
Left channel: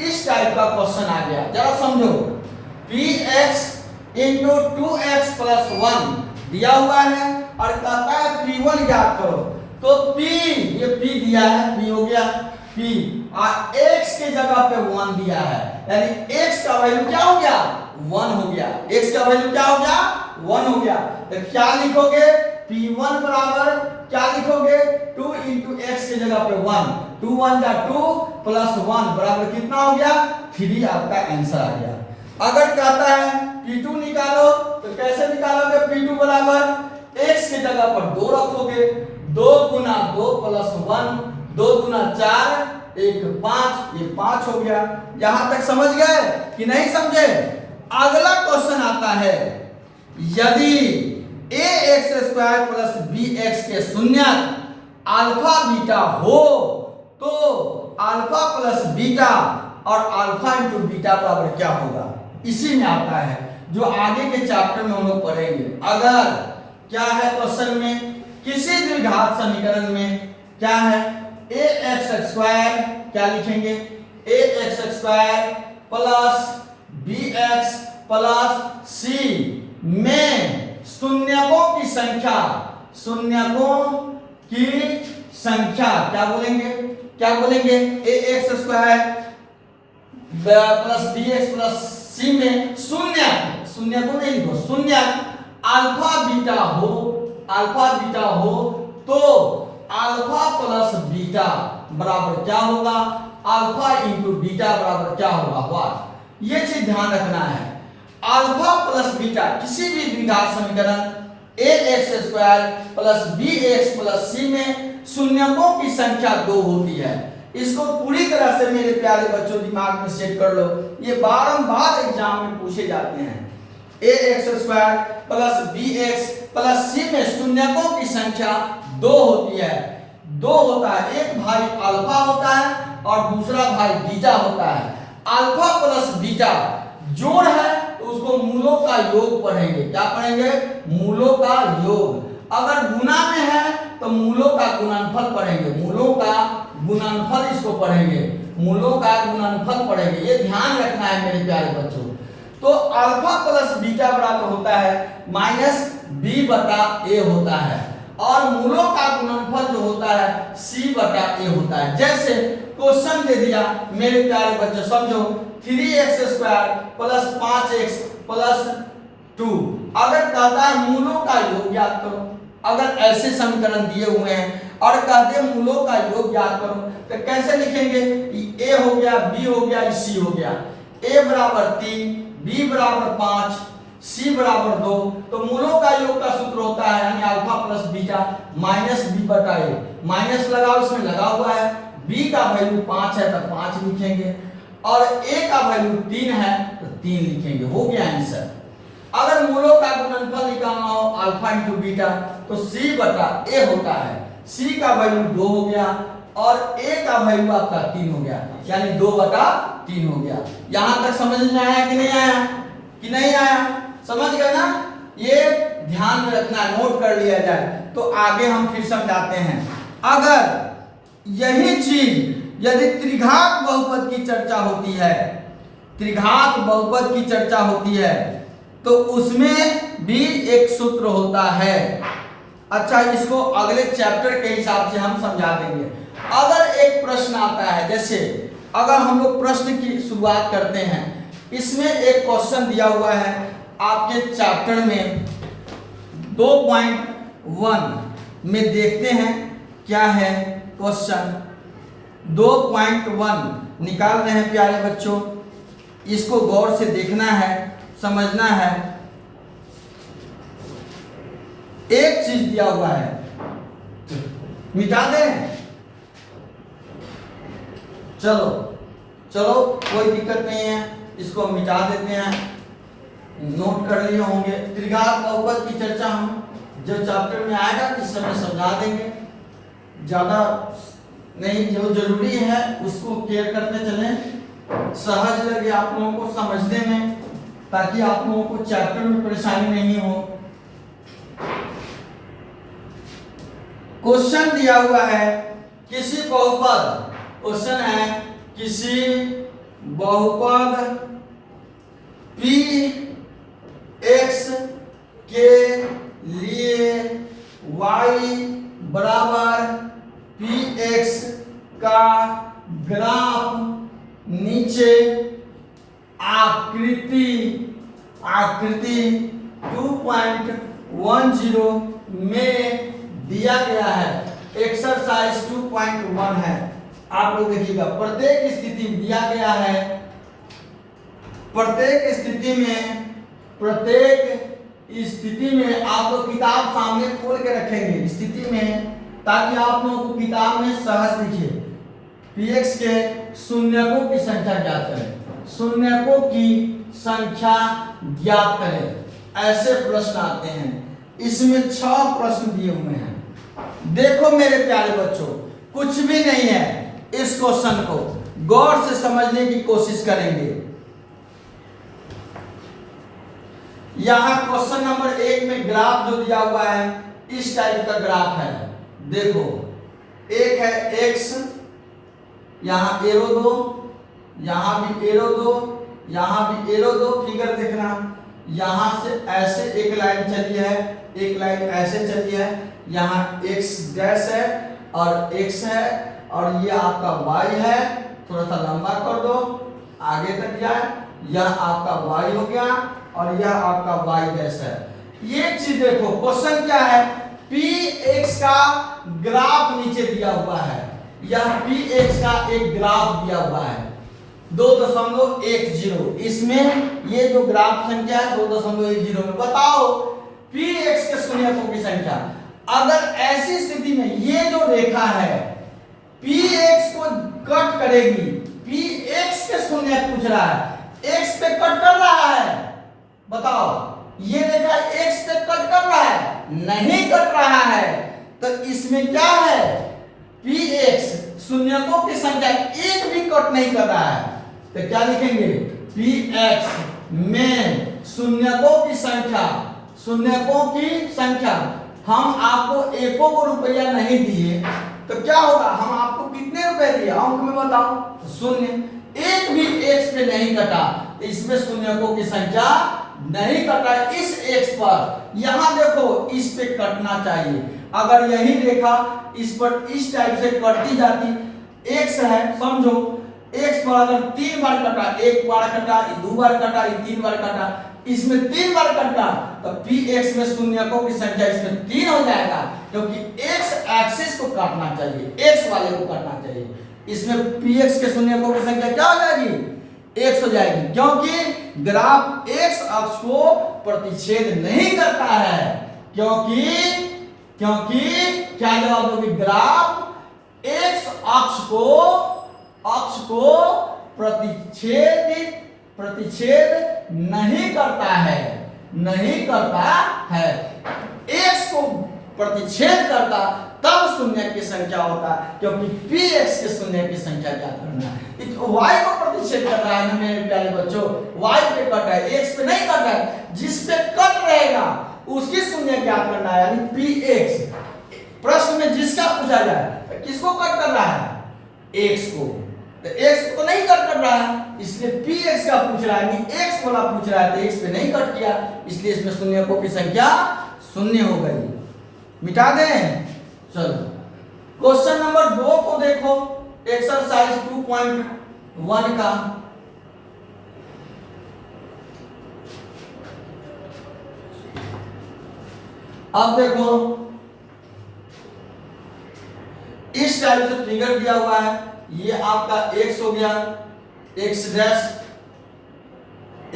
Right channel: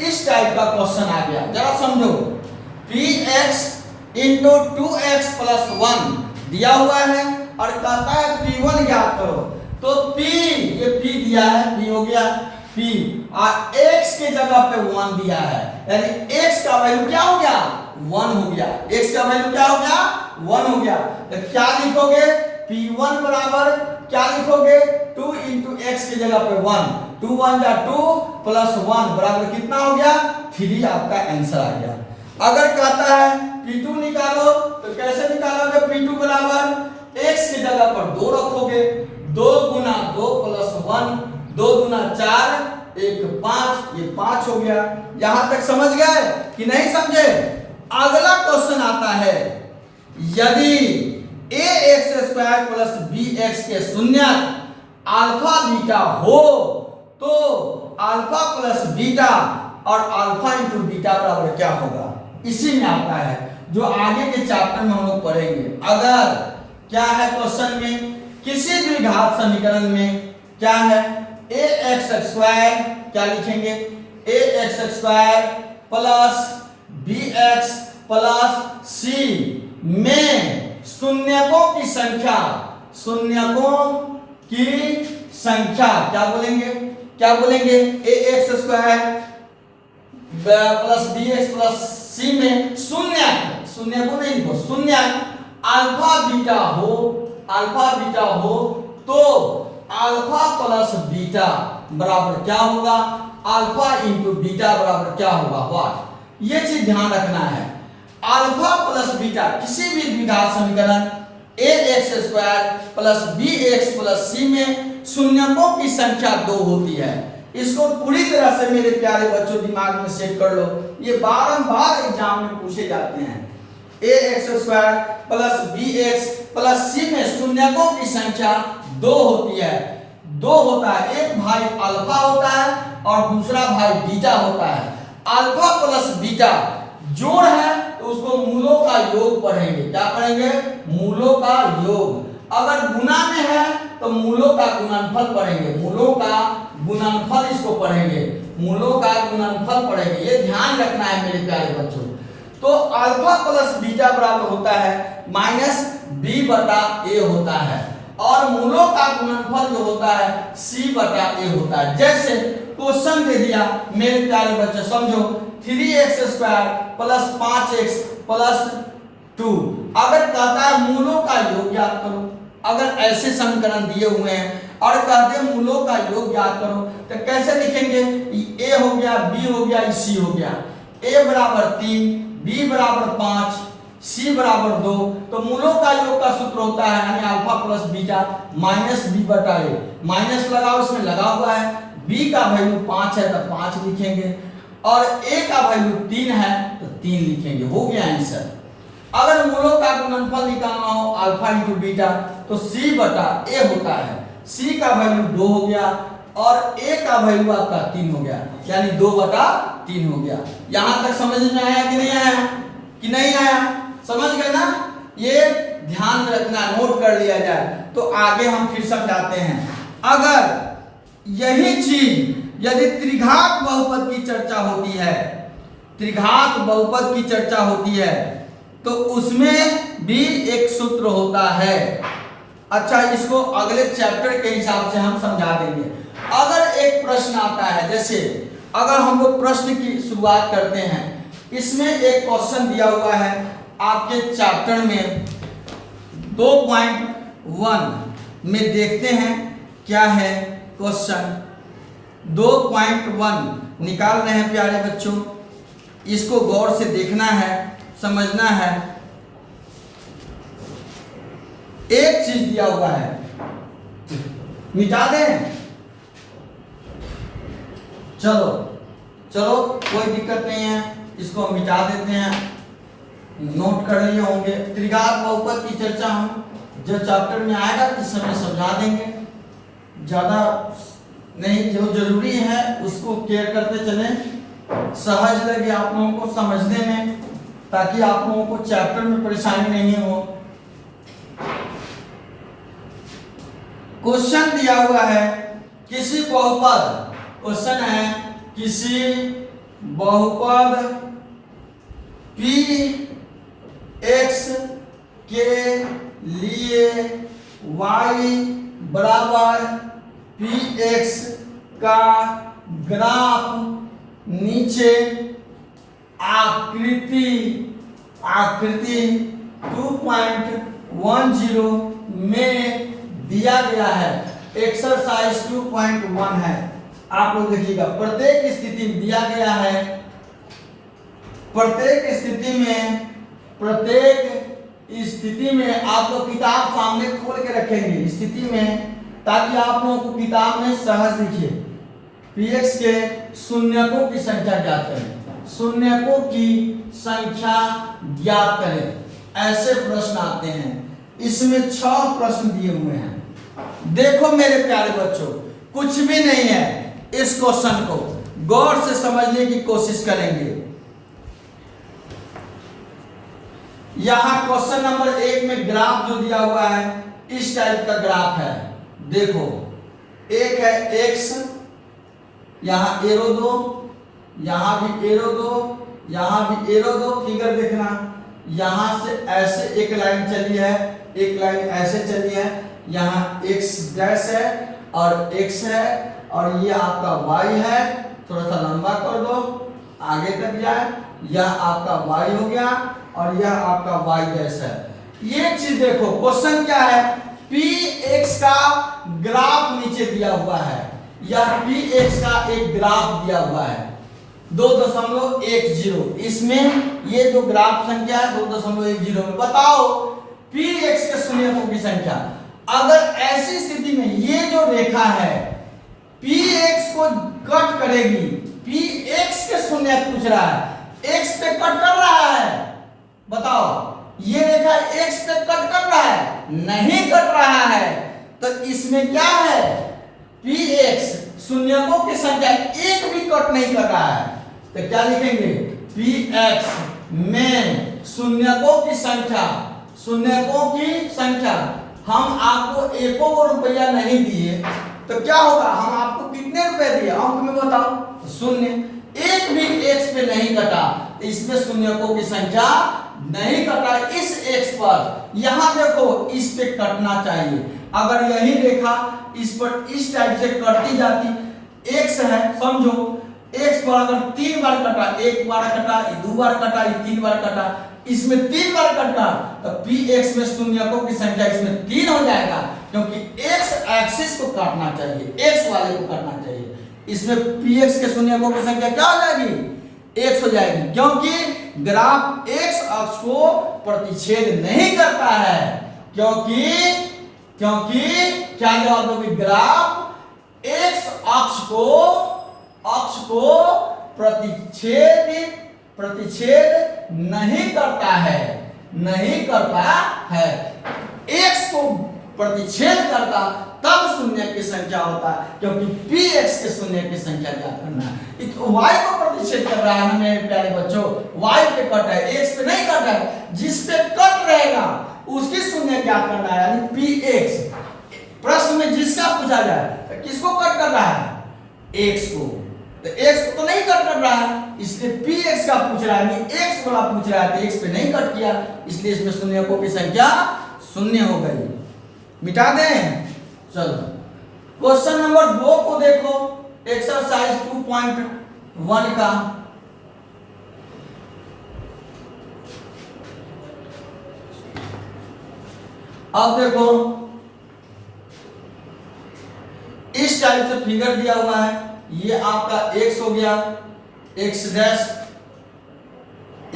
इस टाइप का क्वेश्चन आ गया, जरा समझो। px इंटू 2x प्लस 1 दिया हुआ है और कहता है p1 ज्ञात करो। तो p, ये p दिया है, p हो गया p, और x के जगह पे 1 दिया है, यानी x का वैल्यू क्या हो गया 1 हो गया, x का वैल्यू क्या हो गया 1 हो गया। तो क्या लिखोगे P1 बराबर क्या लिखोगे 2 into x की जगह पे 1, 2 1 जा 2 प्लस 1 बराबर कितना हो गया 3 आपका आंसर आ गया। अगर कहता है P2 निकालो तो कैसे निकालोगे P2 बराबर x की जगह पर 2 रखोगे, 2 गुना 2 प्लस 1, 2 गुना 4 1 5, ये 5 हो गया। यहां तक समझ गए कि नहीं समझे? अगला क्वेश्चन आता है यदि ax² प्लस bx के शून्य अल्फा बीटा हो तो अल्फा प्लस बीटा और अल्फा इंटू बीटा बराबर क्या होगा, इसी में आता है जो आगे के चैप्टर में हम लोग पढ़ेंगे। अगर क्या है क्वेश्चन में किसी द्विघात समीकरण में क्या है ax² क्या लिखेंगे ax² plus bx plus c में शून्यकों की संख्या, शून्यकों की संख्या क्या बोलेंगे ax² plus bx plus c में शून्य को नहीं लिखो, शून्य अल्फा बीटा हो तो अल्फा प्लस बीटा बराबर क्या होगा अल्फा इंटू बीटा बराबर क्या होगा व्हाट, ये चीज ध्यान रखना है। अल्फा प्लस बीटा किसी भी द्विघात समीकरण ax² plus bx plus c में शून्यकों की संख्या 2 होती है। इसको पूरी तरह से मेरे प्यारे बच्चों दिमाग में सेट कर लो, ये बारंबार एग्जाम में पूछे जाते हैं। ax² plus bx plus c में शून्यकों की संख्या 2 होती है, 2 होता है, एक भाई अल्फा होता है और दूसरा भाई बीटा होता है। अल्फा प्लस बीटा जोड़ है तो उसको मूलों का योग पढ़ेंगे, क्या पढ़ेंगे मूलों का योग। अगर गुना में है तो मूलों का गुणनफल पढ़ेंगे, मूलों का गुणनफल इसको पढ़ेंगे, मूलों का गुणनफल पढ़ेंगे, ये ध्यान रखना है मेरे प्यारे बच्चों। तो अल्फा प्लस बीटा बराबर होता है माइनस b बटा a होता है और मूलों का गुणनफल जो होता है c बटा a होता है। जैसे क्वेश्चन दे दिया मेरे प्यारे बच्चों समझो 3x² प्लस 5x प्लस 2, अगर कहता है मूलों का योग ज्ञात करो, अगर ऐसे समीकरण दिए हुए हैं और कहते हैं मूलों का योग ज्ञात करो तो कैसे लिखेंगे a हो गया b हो गया c हो गया, a बराबर 3 b बराबर 5 c बराबर 2, तो मूलों का योग का सूत्र होता है यानी alpha plus beta minus b बटा a, माइनस लगाओ इसमें लगा हुआ है, b का वैल्यू 5 है तो 5 लिखेंगे और a का वैल्यू 3 है तो 3 लिखेंगे, हो गया आंसर। अगर मूलों का गुणनफल निकालना हो अल्फा इंटू बीटा तो c बटा a होता है, c का वैल्यू 2 हो गया और a का वैल्यू आपका 3 हो गया यानी 2 बटा 3 हो गया। यहां तक समझ में आया कि नहीं आया समझ गए ना, ये ध्यान में रखना, नोट कर लिया जाए तो आगे हम फिर समझाते हैं। अगर यही चीज यदि त्रिघात बहुपद की चर्चा होती है, त्रिघात बहुपद की चर्चा होती है तो उसमें भी एक सूत्र होता है। अच्छा इसको अगले चैप्टर के हिसाब से हम समझा देंगे। अगर एक प्रश्न आता है, जैसे अगर हम लोग प्रश्न की शुरुआत करते हैं, इसमें एक क्वेश्चन दिया हुआ है आपके चैप्टर में 2.1 में, देखते हैं क्या है क्वेश्चन 2.1 निकाल रहे हैं प्यारे बच्चों, इसको गौर से देखना है, समझना है। एक चीज दिया हुआ है, मिटा दें, चलो कोई दिक्कत नहीं है, इसको मिटा देते हैं, नोट कर लिए होंगे। त्रिघात बहुपद की चर्चा हम जो चैप्टर में आएगा इस समय समझा देंगे, ज्यादा नहीं, जो जरूरी है उसको केयर करते चले, सहज लगे आप लोगों को समझने में, ताकि आप लोगों को चैप्टर में परेशानी नहीं हो। क्वेश्चन दिया हुआ है किसी बहुपद, क्वेश्चन है किसी बहुपद p x के लिए y बराबर px का ग्राफ नीचे आकृति 2.10 में दिया गया है। एक्सरसाइज 2.1 है, आप लोग देखिएगा। प्रत्येक स्थिति दिया गया है, प्रत्येक स्थिति में आप लोग किताब सामने खोल के रखेंगे स्थिति में, ताकि आप लोगों को किताब में सहज दिखे। px के शून्यकों की संख्या ज्ञात करें, शून्यकों की संख्या ज्ञात करें, ऐसे प्रश्न आते हैं। इसमें 6 प्रश्न दिए हुए हैं। देखो मेरे प्यारे बच्चों, कुछ भी नहीं है, इस क्वेश्चन को गौर से समझने की कोशिश करेंगे। यहां क्वेश्चन नंबर 1 में ग्राफ जो दिया हुआ है, इस टाइप का ग्राफ है। देखो, एक है x, यहां एरो दो, यहां भी एरो दो, यहां भी एरो दो। फिगर देखना, यहां से ऐसे एक लाइन चली है, एक लाइन ऐसे चली है, यहाँ x डैश है और x है, और ये आपका y है। थोड़ा सा लंबा कर दो, आगे तक जाए। यह आपका y हो गया और यह आपका y डैश है। ये चीज देखो, क्वेश्चन क्या है, px का ग्राफ नीचे दिया हुआ है। यह px का एक ग्राफ दिया हुआ है 2.10। इसमें ये जो ग्राफ संख्या है 2.10 में, बताओ px के शून्यकों की संख्या। अगर ऐसी स्थिति में ये जो रेखा है px को कट करेगी, px के शून्य पूछ रहा है, x पे कट कर रहा है, बताओ ये रेखा x पे कट कर रहा है? नहीं कट रहा है। तो इसमें क्या है, px शून्यकों की संख्या एक भी कट नहीं कर रहा है। तो क्या लिखेंगे, px में शून्यकों की संख्या, शून्यकों की संख्या। हम आपको एको को रुपया नहीं दिए तो क्या होगा, हम आपको कितने रुपए दिए अंक में बताओ, 0। एक भी x पे नहीं कटा, तो इसमें शून्यकों की संख्या नहीं कटा इस x पर। यहां देखो, इस पे कटना चाहिए। अगर यही रेखा इस पर इस टाइप से कटती जाती, x है समझो, x पर अगर 3 बार कटा, 1 बार कटा, 2 बार कटा, 3 बार कटा, इसमें 3 बार कटा, तो px में शून्यकों की संख्या इसमें 3 हो जाएगा, क्योंकि x एक्सिस को काटना चाहिए, x वाले को काटना चाहिए। इसमें px के शून्यकों की संख्या क्या हो जाएगी, x हो जाएगी, क्योंकि ग्राफ x अक्ष को प्रतिच्छेद नहीं करता है। क्योंकि क्या जवाब दोगे, ग्राफ x अक्ष को प्रतिच्छेद नहीं करता है, x को प्रतिच्छेद करता तब शून्य की संख्या होता, क्योंकि px के शून्य की संख्या ज्ञात करना है। y को प्रतिच्छेद कर रहा है ना मेरे प्यारे बच्चों, y पे कट है, x पे नहीं कट है। जिस पे कट रहेगा उसकी शून्य ज्ञात करना है, यानी px। प्रश्न में जिसका पूछा जाए तो किसको कट कर रहा है, x को। तो x को तो नहीं कट कर रहा है, इसलिए px का पूछ रहा है, यानी x वाला पूछ रहा है, तो x पे नहीं कट किया, इसलिए इसमें शून्यकों की संख्या 0 हो गई। मिटा दें। चलो क्वेश्चन नंबर 2 को देखो, एक्सरसाइज 2.1 का। अब देखो, इस टाइप से फिगर दिया हुआ है, ये आपका x हो गया, x डैश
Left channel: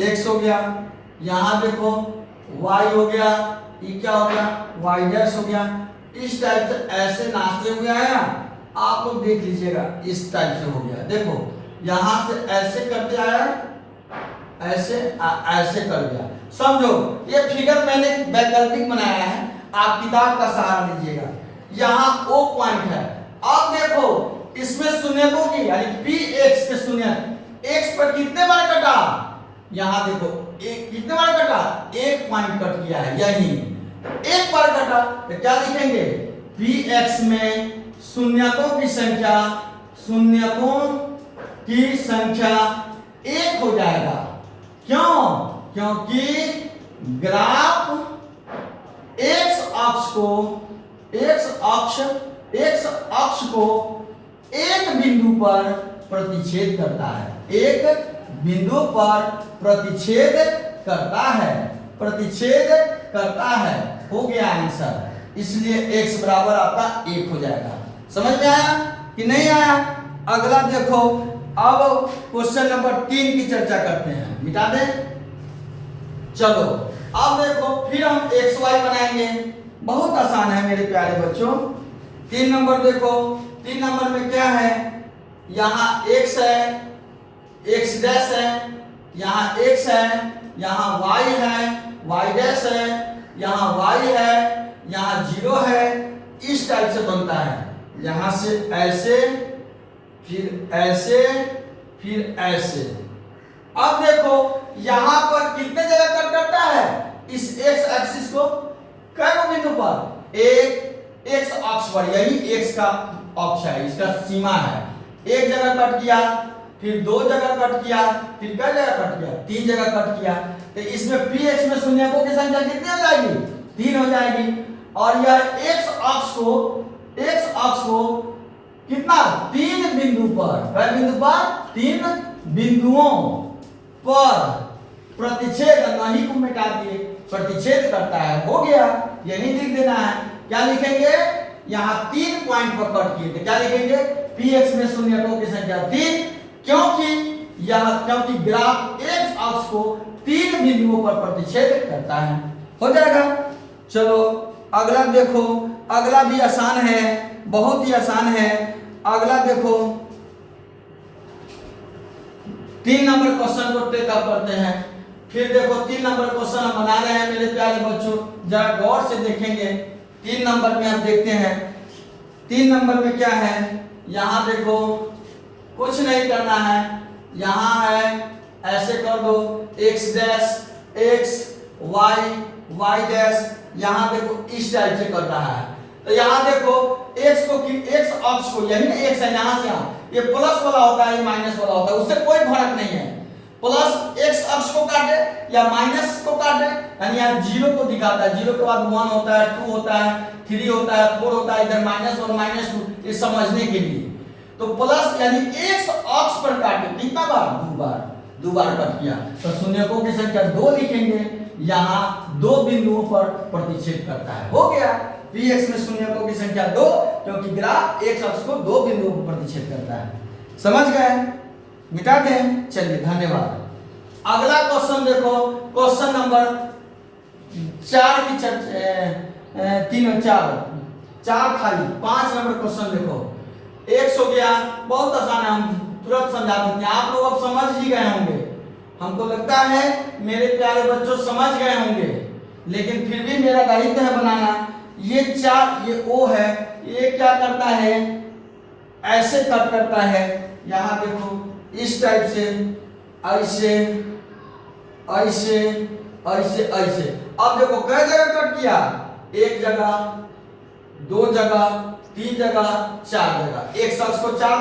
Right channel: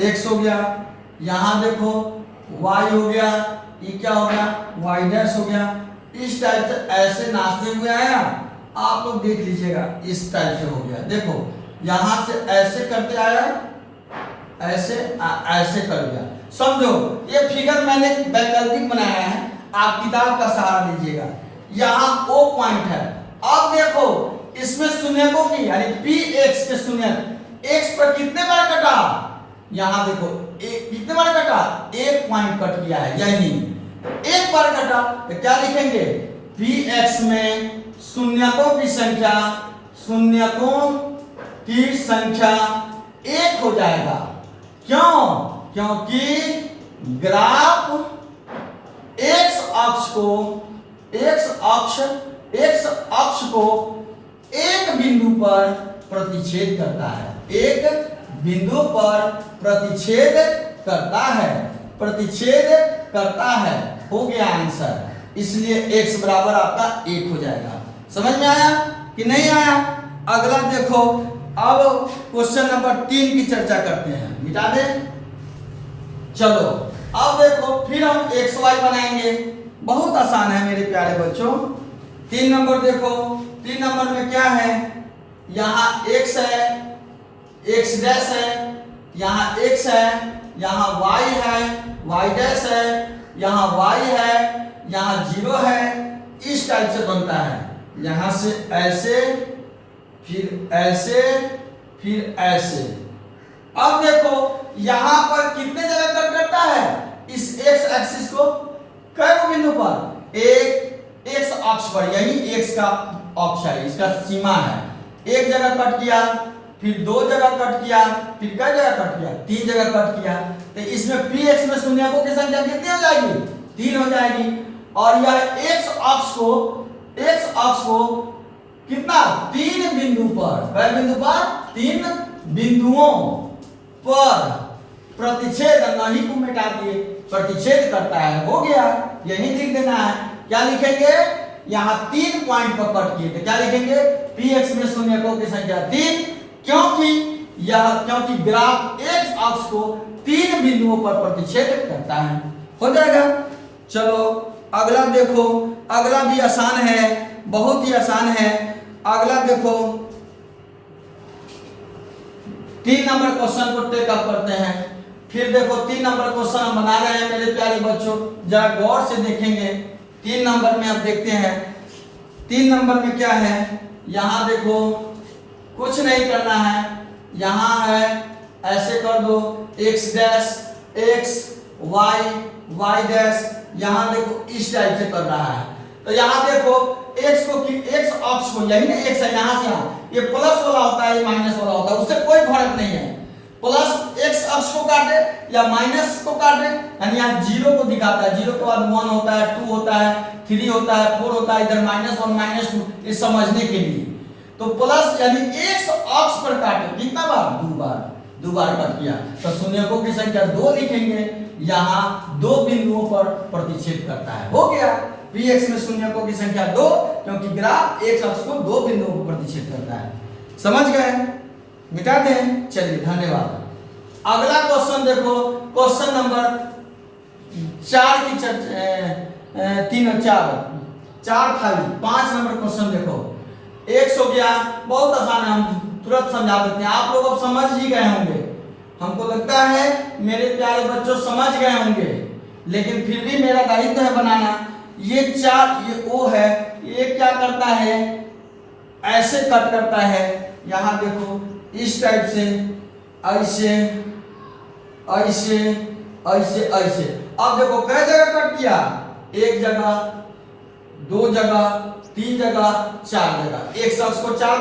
x हो गया, यहां देखो y हो गया, ये क्या हो गया, y डैश हो गया। इस टाइप से ऐसे नाचते हुए आया, आप लोग देख लीजिएगा, इस टाइप से हो गया। देखो यहां से ऐसे करते आया, ऐसे कर गया। समझो ये फिगर मैंने वैकल्पिक बनाया है, आप किताब का सहारा लीजिएगा। यहां O पॉइंट है। अब देखो इसमें शून्यकों की, यानी px के शून्य, x पर कितने बार कटा, यहां देखो कितने बार कटा, 1 पॉइंट कट गया है, यही 1 बार कटा। तो क्या लिखेंगे, px में शून्यकों की संख्या 1 हो जाएगा। क्यों, क्योंकि ग्राफ x अक्ष को एक बिंदु पर प्रतिच्छेद करता है, एक बिंदु पर प्रतिच्छेद करता है, प्रतिच्छेद करता है। हो गया आंसर, इसलिए x बराबर आपका 1 हो जाएगा। समझ में आया कि नहीं आया? अगला देखो, अब क्वेश्चन नंबर 3 की चर्चा करते हैं। मिटा दें, चलो अब देखो फिर हम xy बनाएंगे। बहुत आसान है मेरे प्यारे बच्चों। 3 नंबर देखो, 3 नंबर में क्या है, यहाँ x है, x डैश है, यहाँ x है, यहाँ y है, y डैश है, यहाँ y है, यहाँ 0 है। इस टाइप से बनता है, यहाँ से ऐसे, फिर ऐसे, फिर ऐसे। अब देखो यहाँ पर कितने जगह कट करता है इस x एक्सिस को, कई बिंदु पर, एक x अक्ष पर, यही x का अक्ष है, इसका सीमा है। एक जगह कट किया, फिर 2 जगह कट किया, फिर कई जगह कट किया, 3 जगह कट किया। तो इसमें px में शून्यकों की संख्या कितनी हो जाएगी, 3 हो जाएगी। और यह x अक्ष को कितना, 3 बिंदु पर, कई बिंदु पर, 3 बिंदुओं पर प्रतिच्छेद, नहीं को मिटा दिए, प्रतिच्छेद करता है। हो गया, यही लिख देना है। क्या लिखेंगे, यहाँ 3 पॉइंट पर कट किए थे, क्या लिखेंगे, px में शून्यकों की संख्या 3, क्योंकि ग्राफ x अक्ष को 3 बिंदुओं पर प्रतिच्छेद करता है। हो जाएगा। चलो अगला देखो, अगला भी आसान है, बहुत ही आसान है। अगला देखो 3 नंबर क्वेश्चन को टेकअप करते हैं। फिर देखो 3 नंबर क्वेश्चन हम बना रहे हैं मेरे प्यारे बच्चों, जरा गौर से देखेंगे। 3 नंबर में अब देखते हैं 3 नंबर में क्या है। यहाँ देखो कुछ नहीं करना है, यहाँ है ऐसे कर दो, x dash, x y, y dash, यहाँ देखो इस टाइप से कर रहा है। तो यहाँ देखो x अक्ष को, यही ना x है, यहाँ से यहाँ ये प्लस वाला होता है, ये माइनस वाला होता है, उससे कोई फर्क नहीं है। प्लस x अक्ष को काटे या माइनस को काटे, यानी यहाँ 0 को दिखाता है, 0 के बाद 1 होता है, 2 होता है, 3 होता है, 4 होता है, इधर -1 -2, ये समझने के लिए। तो प्लस यानी x अक्ष पर काटे, कितना बार, 2 बार कट किया, तो शून्यकों की संख्या 2 लिखेंगे। यहाँ 2 बिंदुओं पर प्रतिच्छेद करता है। हो गया, px में शून्यकों की संख्या 2, क्योंकि ग्राफ x अक्ष को 2 बिंदुओं पर प्रतिच्छेद करता है। समझ गए, मिटा दें। चलिए धन्यवाद। अगला क्वेश्चन देखो, क्वेश्चन नंबर 4 की चर्चा, 3 और 4 खाली, 5 नंबर क्वेश्चन देखो। x हो गया, बहुत आसान है, हम तुरंत समझा देते हैं। आप लोग अब समझ ही गए होंगे, हमको लगता है मेरे प्यारे बच्चों समझ गए होंगे, लेकिन फिर भी मेरा दायित्व है बनाना। ये 4, ये O है, ये क्या करता है, ऐसे कट करता है। यहाँ देखो इस टाइप से, ऐसे ऐसे ऐसे ऐसे। अब देखो कई जगह कट किया, 1 जगह, 2 जगह, 3 जगह, 4 जगह, एक शख्स को 4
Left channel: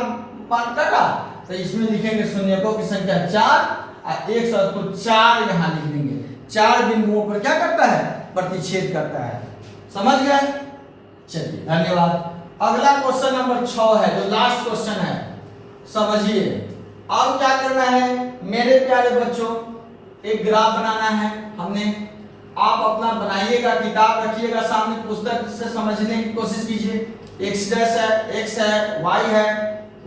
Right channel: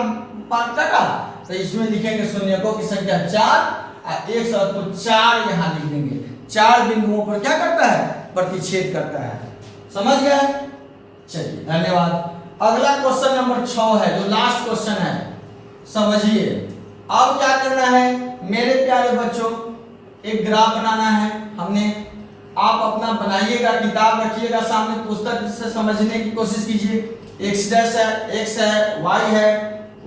पार्ट कटा, तो इसमें लिखेंगे शून्यकों की संख्या 4 और एक शख्स को 4 यहाँ लिख देंगे। 4 बिंदुओं पर क्या करता है, प्रतिच्छेद करता है। समझ गए? चलिए धन्यवाद। अगला क्वेश्चन नंबर 6 है, जो लास्ट क्वेश्चन है, समझिए। अब क्या करना है मेरे प्यारे बच्चों, एक ग्राफ बनाना है हमने। आप अपना बनाइएगा, किताब रखिएगा सामने, पुस्तक से समझने की कोशिश कीजिए। x डैश है, x है, y है,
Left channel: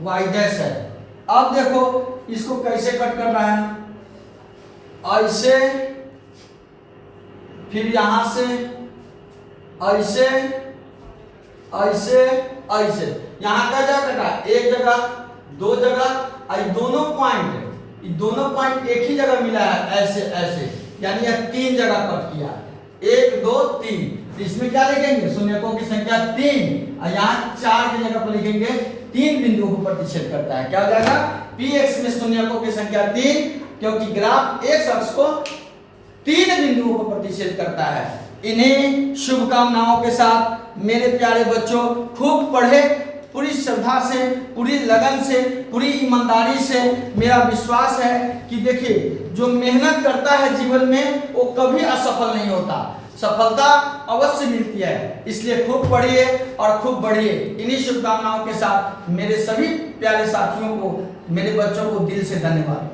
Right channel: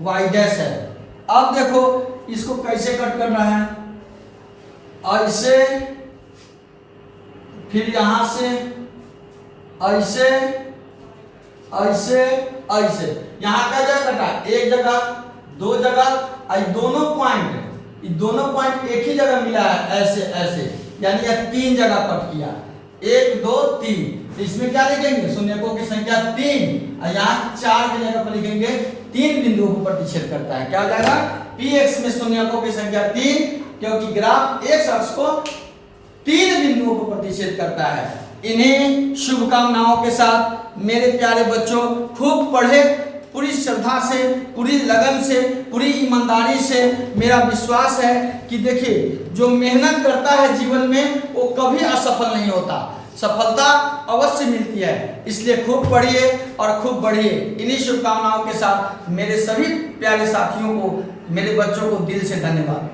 y डैश है। अब देखो इसको कैसे कट करना है, ऐसे, फिर यहां से ऐसे ऐसे ऐसे। यहां का जगह कटा, 1 जगह, 2 जगह, दोनों पॉइंट एक ही जगह मिला है, ऐसे ऐसे, यानी यह 3 जगह कट किया, 1 2 3। इसमें क्या लिखेंगे, शून्यकों की संख्या 3, और यहाँ 4 की जगह पर लिखेंगे 3 बिंदुओं को प्रतिच्छेद करता है। क्या हो जाएगा, px में शून्यकों की संख्या 3, क्योंकि ग्राफ x अक्ष को 3 बिंदुओं को प्रतिच्छेद करता है। इन्हीं शुभकामनाओं के साथ मेरे प्यारे बच्चों, खूब पढ़े, पूरी श्रद्धा से, पूरी लगन से, पूरी ईमानदारी से। मेरा विश्वास है कि देखिए, जो मेहनत करता है जीवन में वो कभी असफल नहीं होता, सफलता अवश्य मिलती है। इसलिए खूब पढ़िए और खूब बढ़िए। इन्हीं शुभकामनाओं के साथ मेरे सभी प्यारे साथियों को, मेरे बच्चों को दिल से धन्यवाद।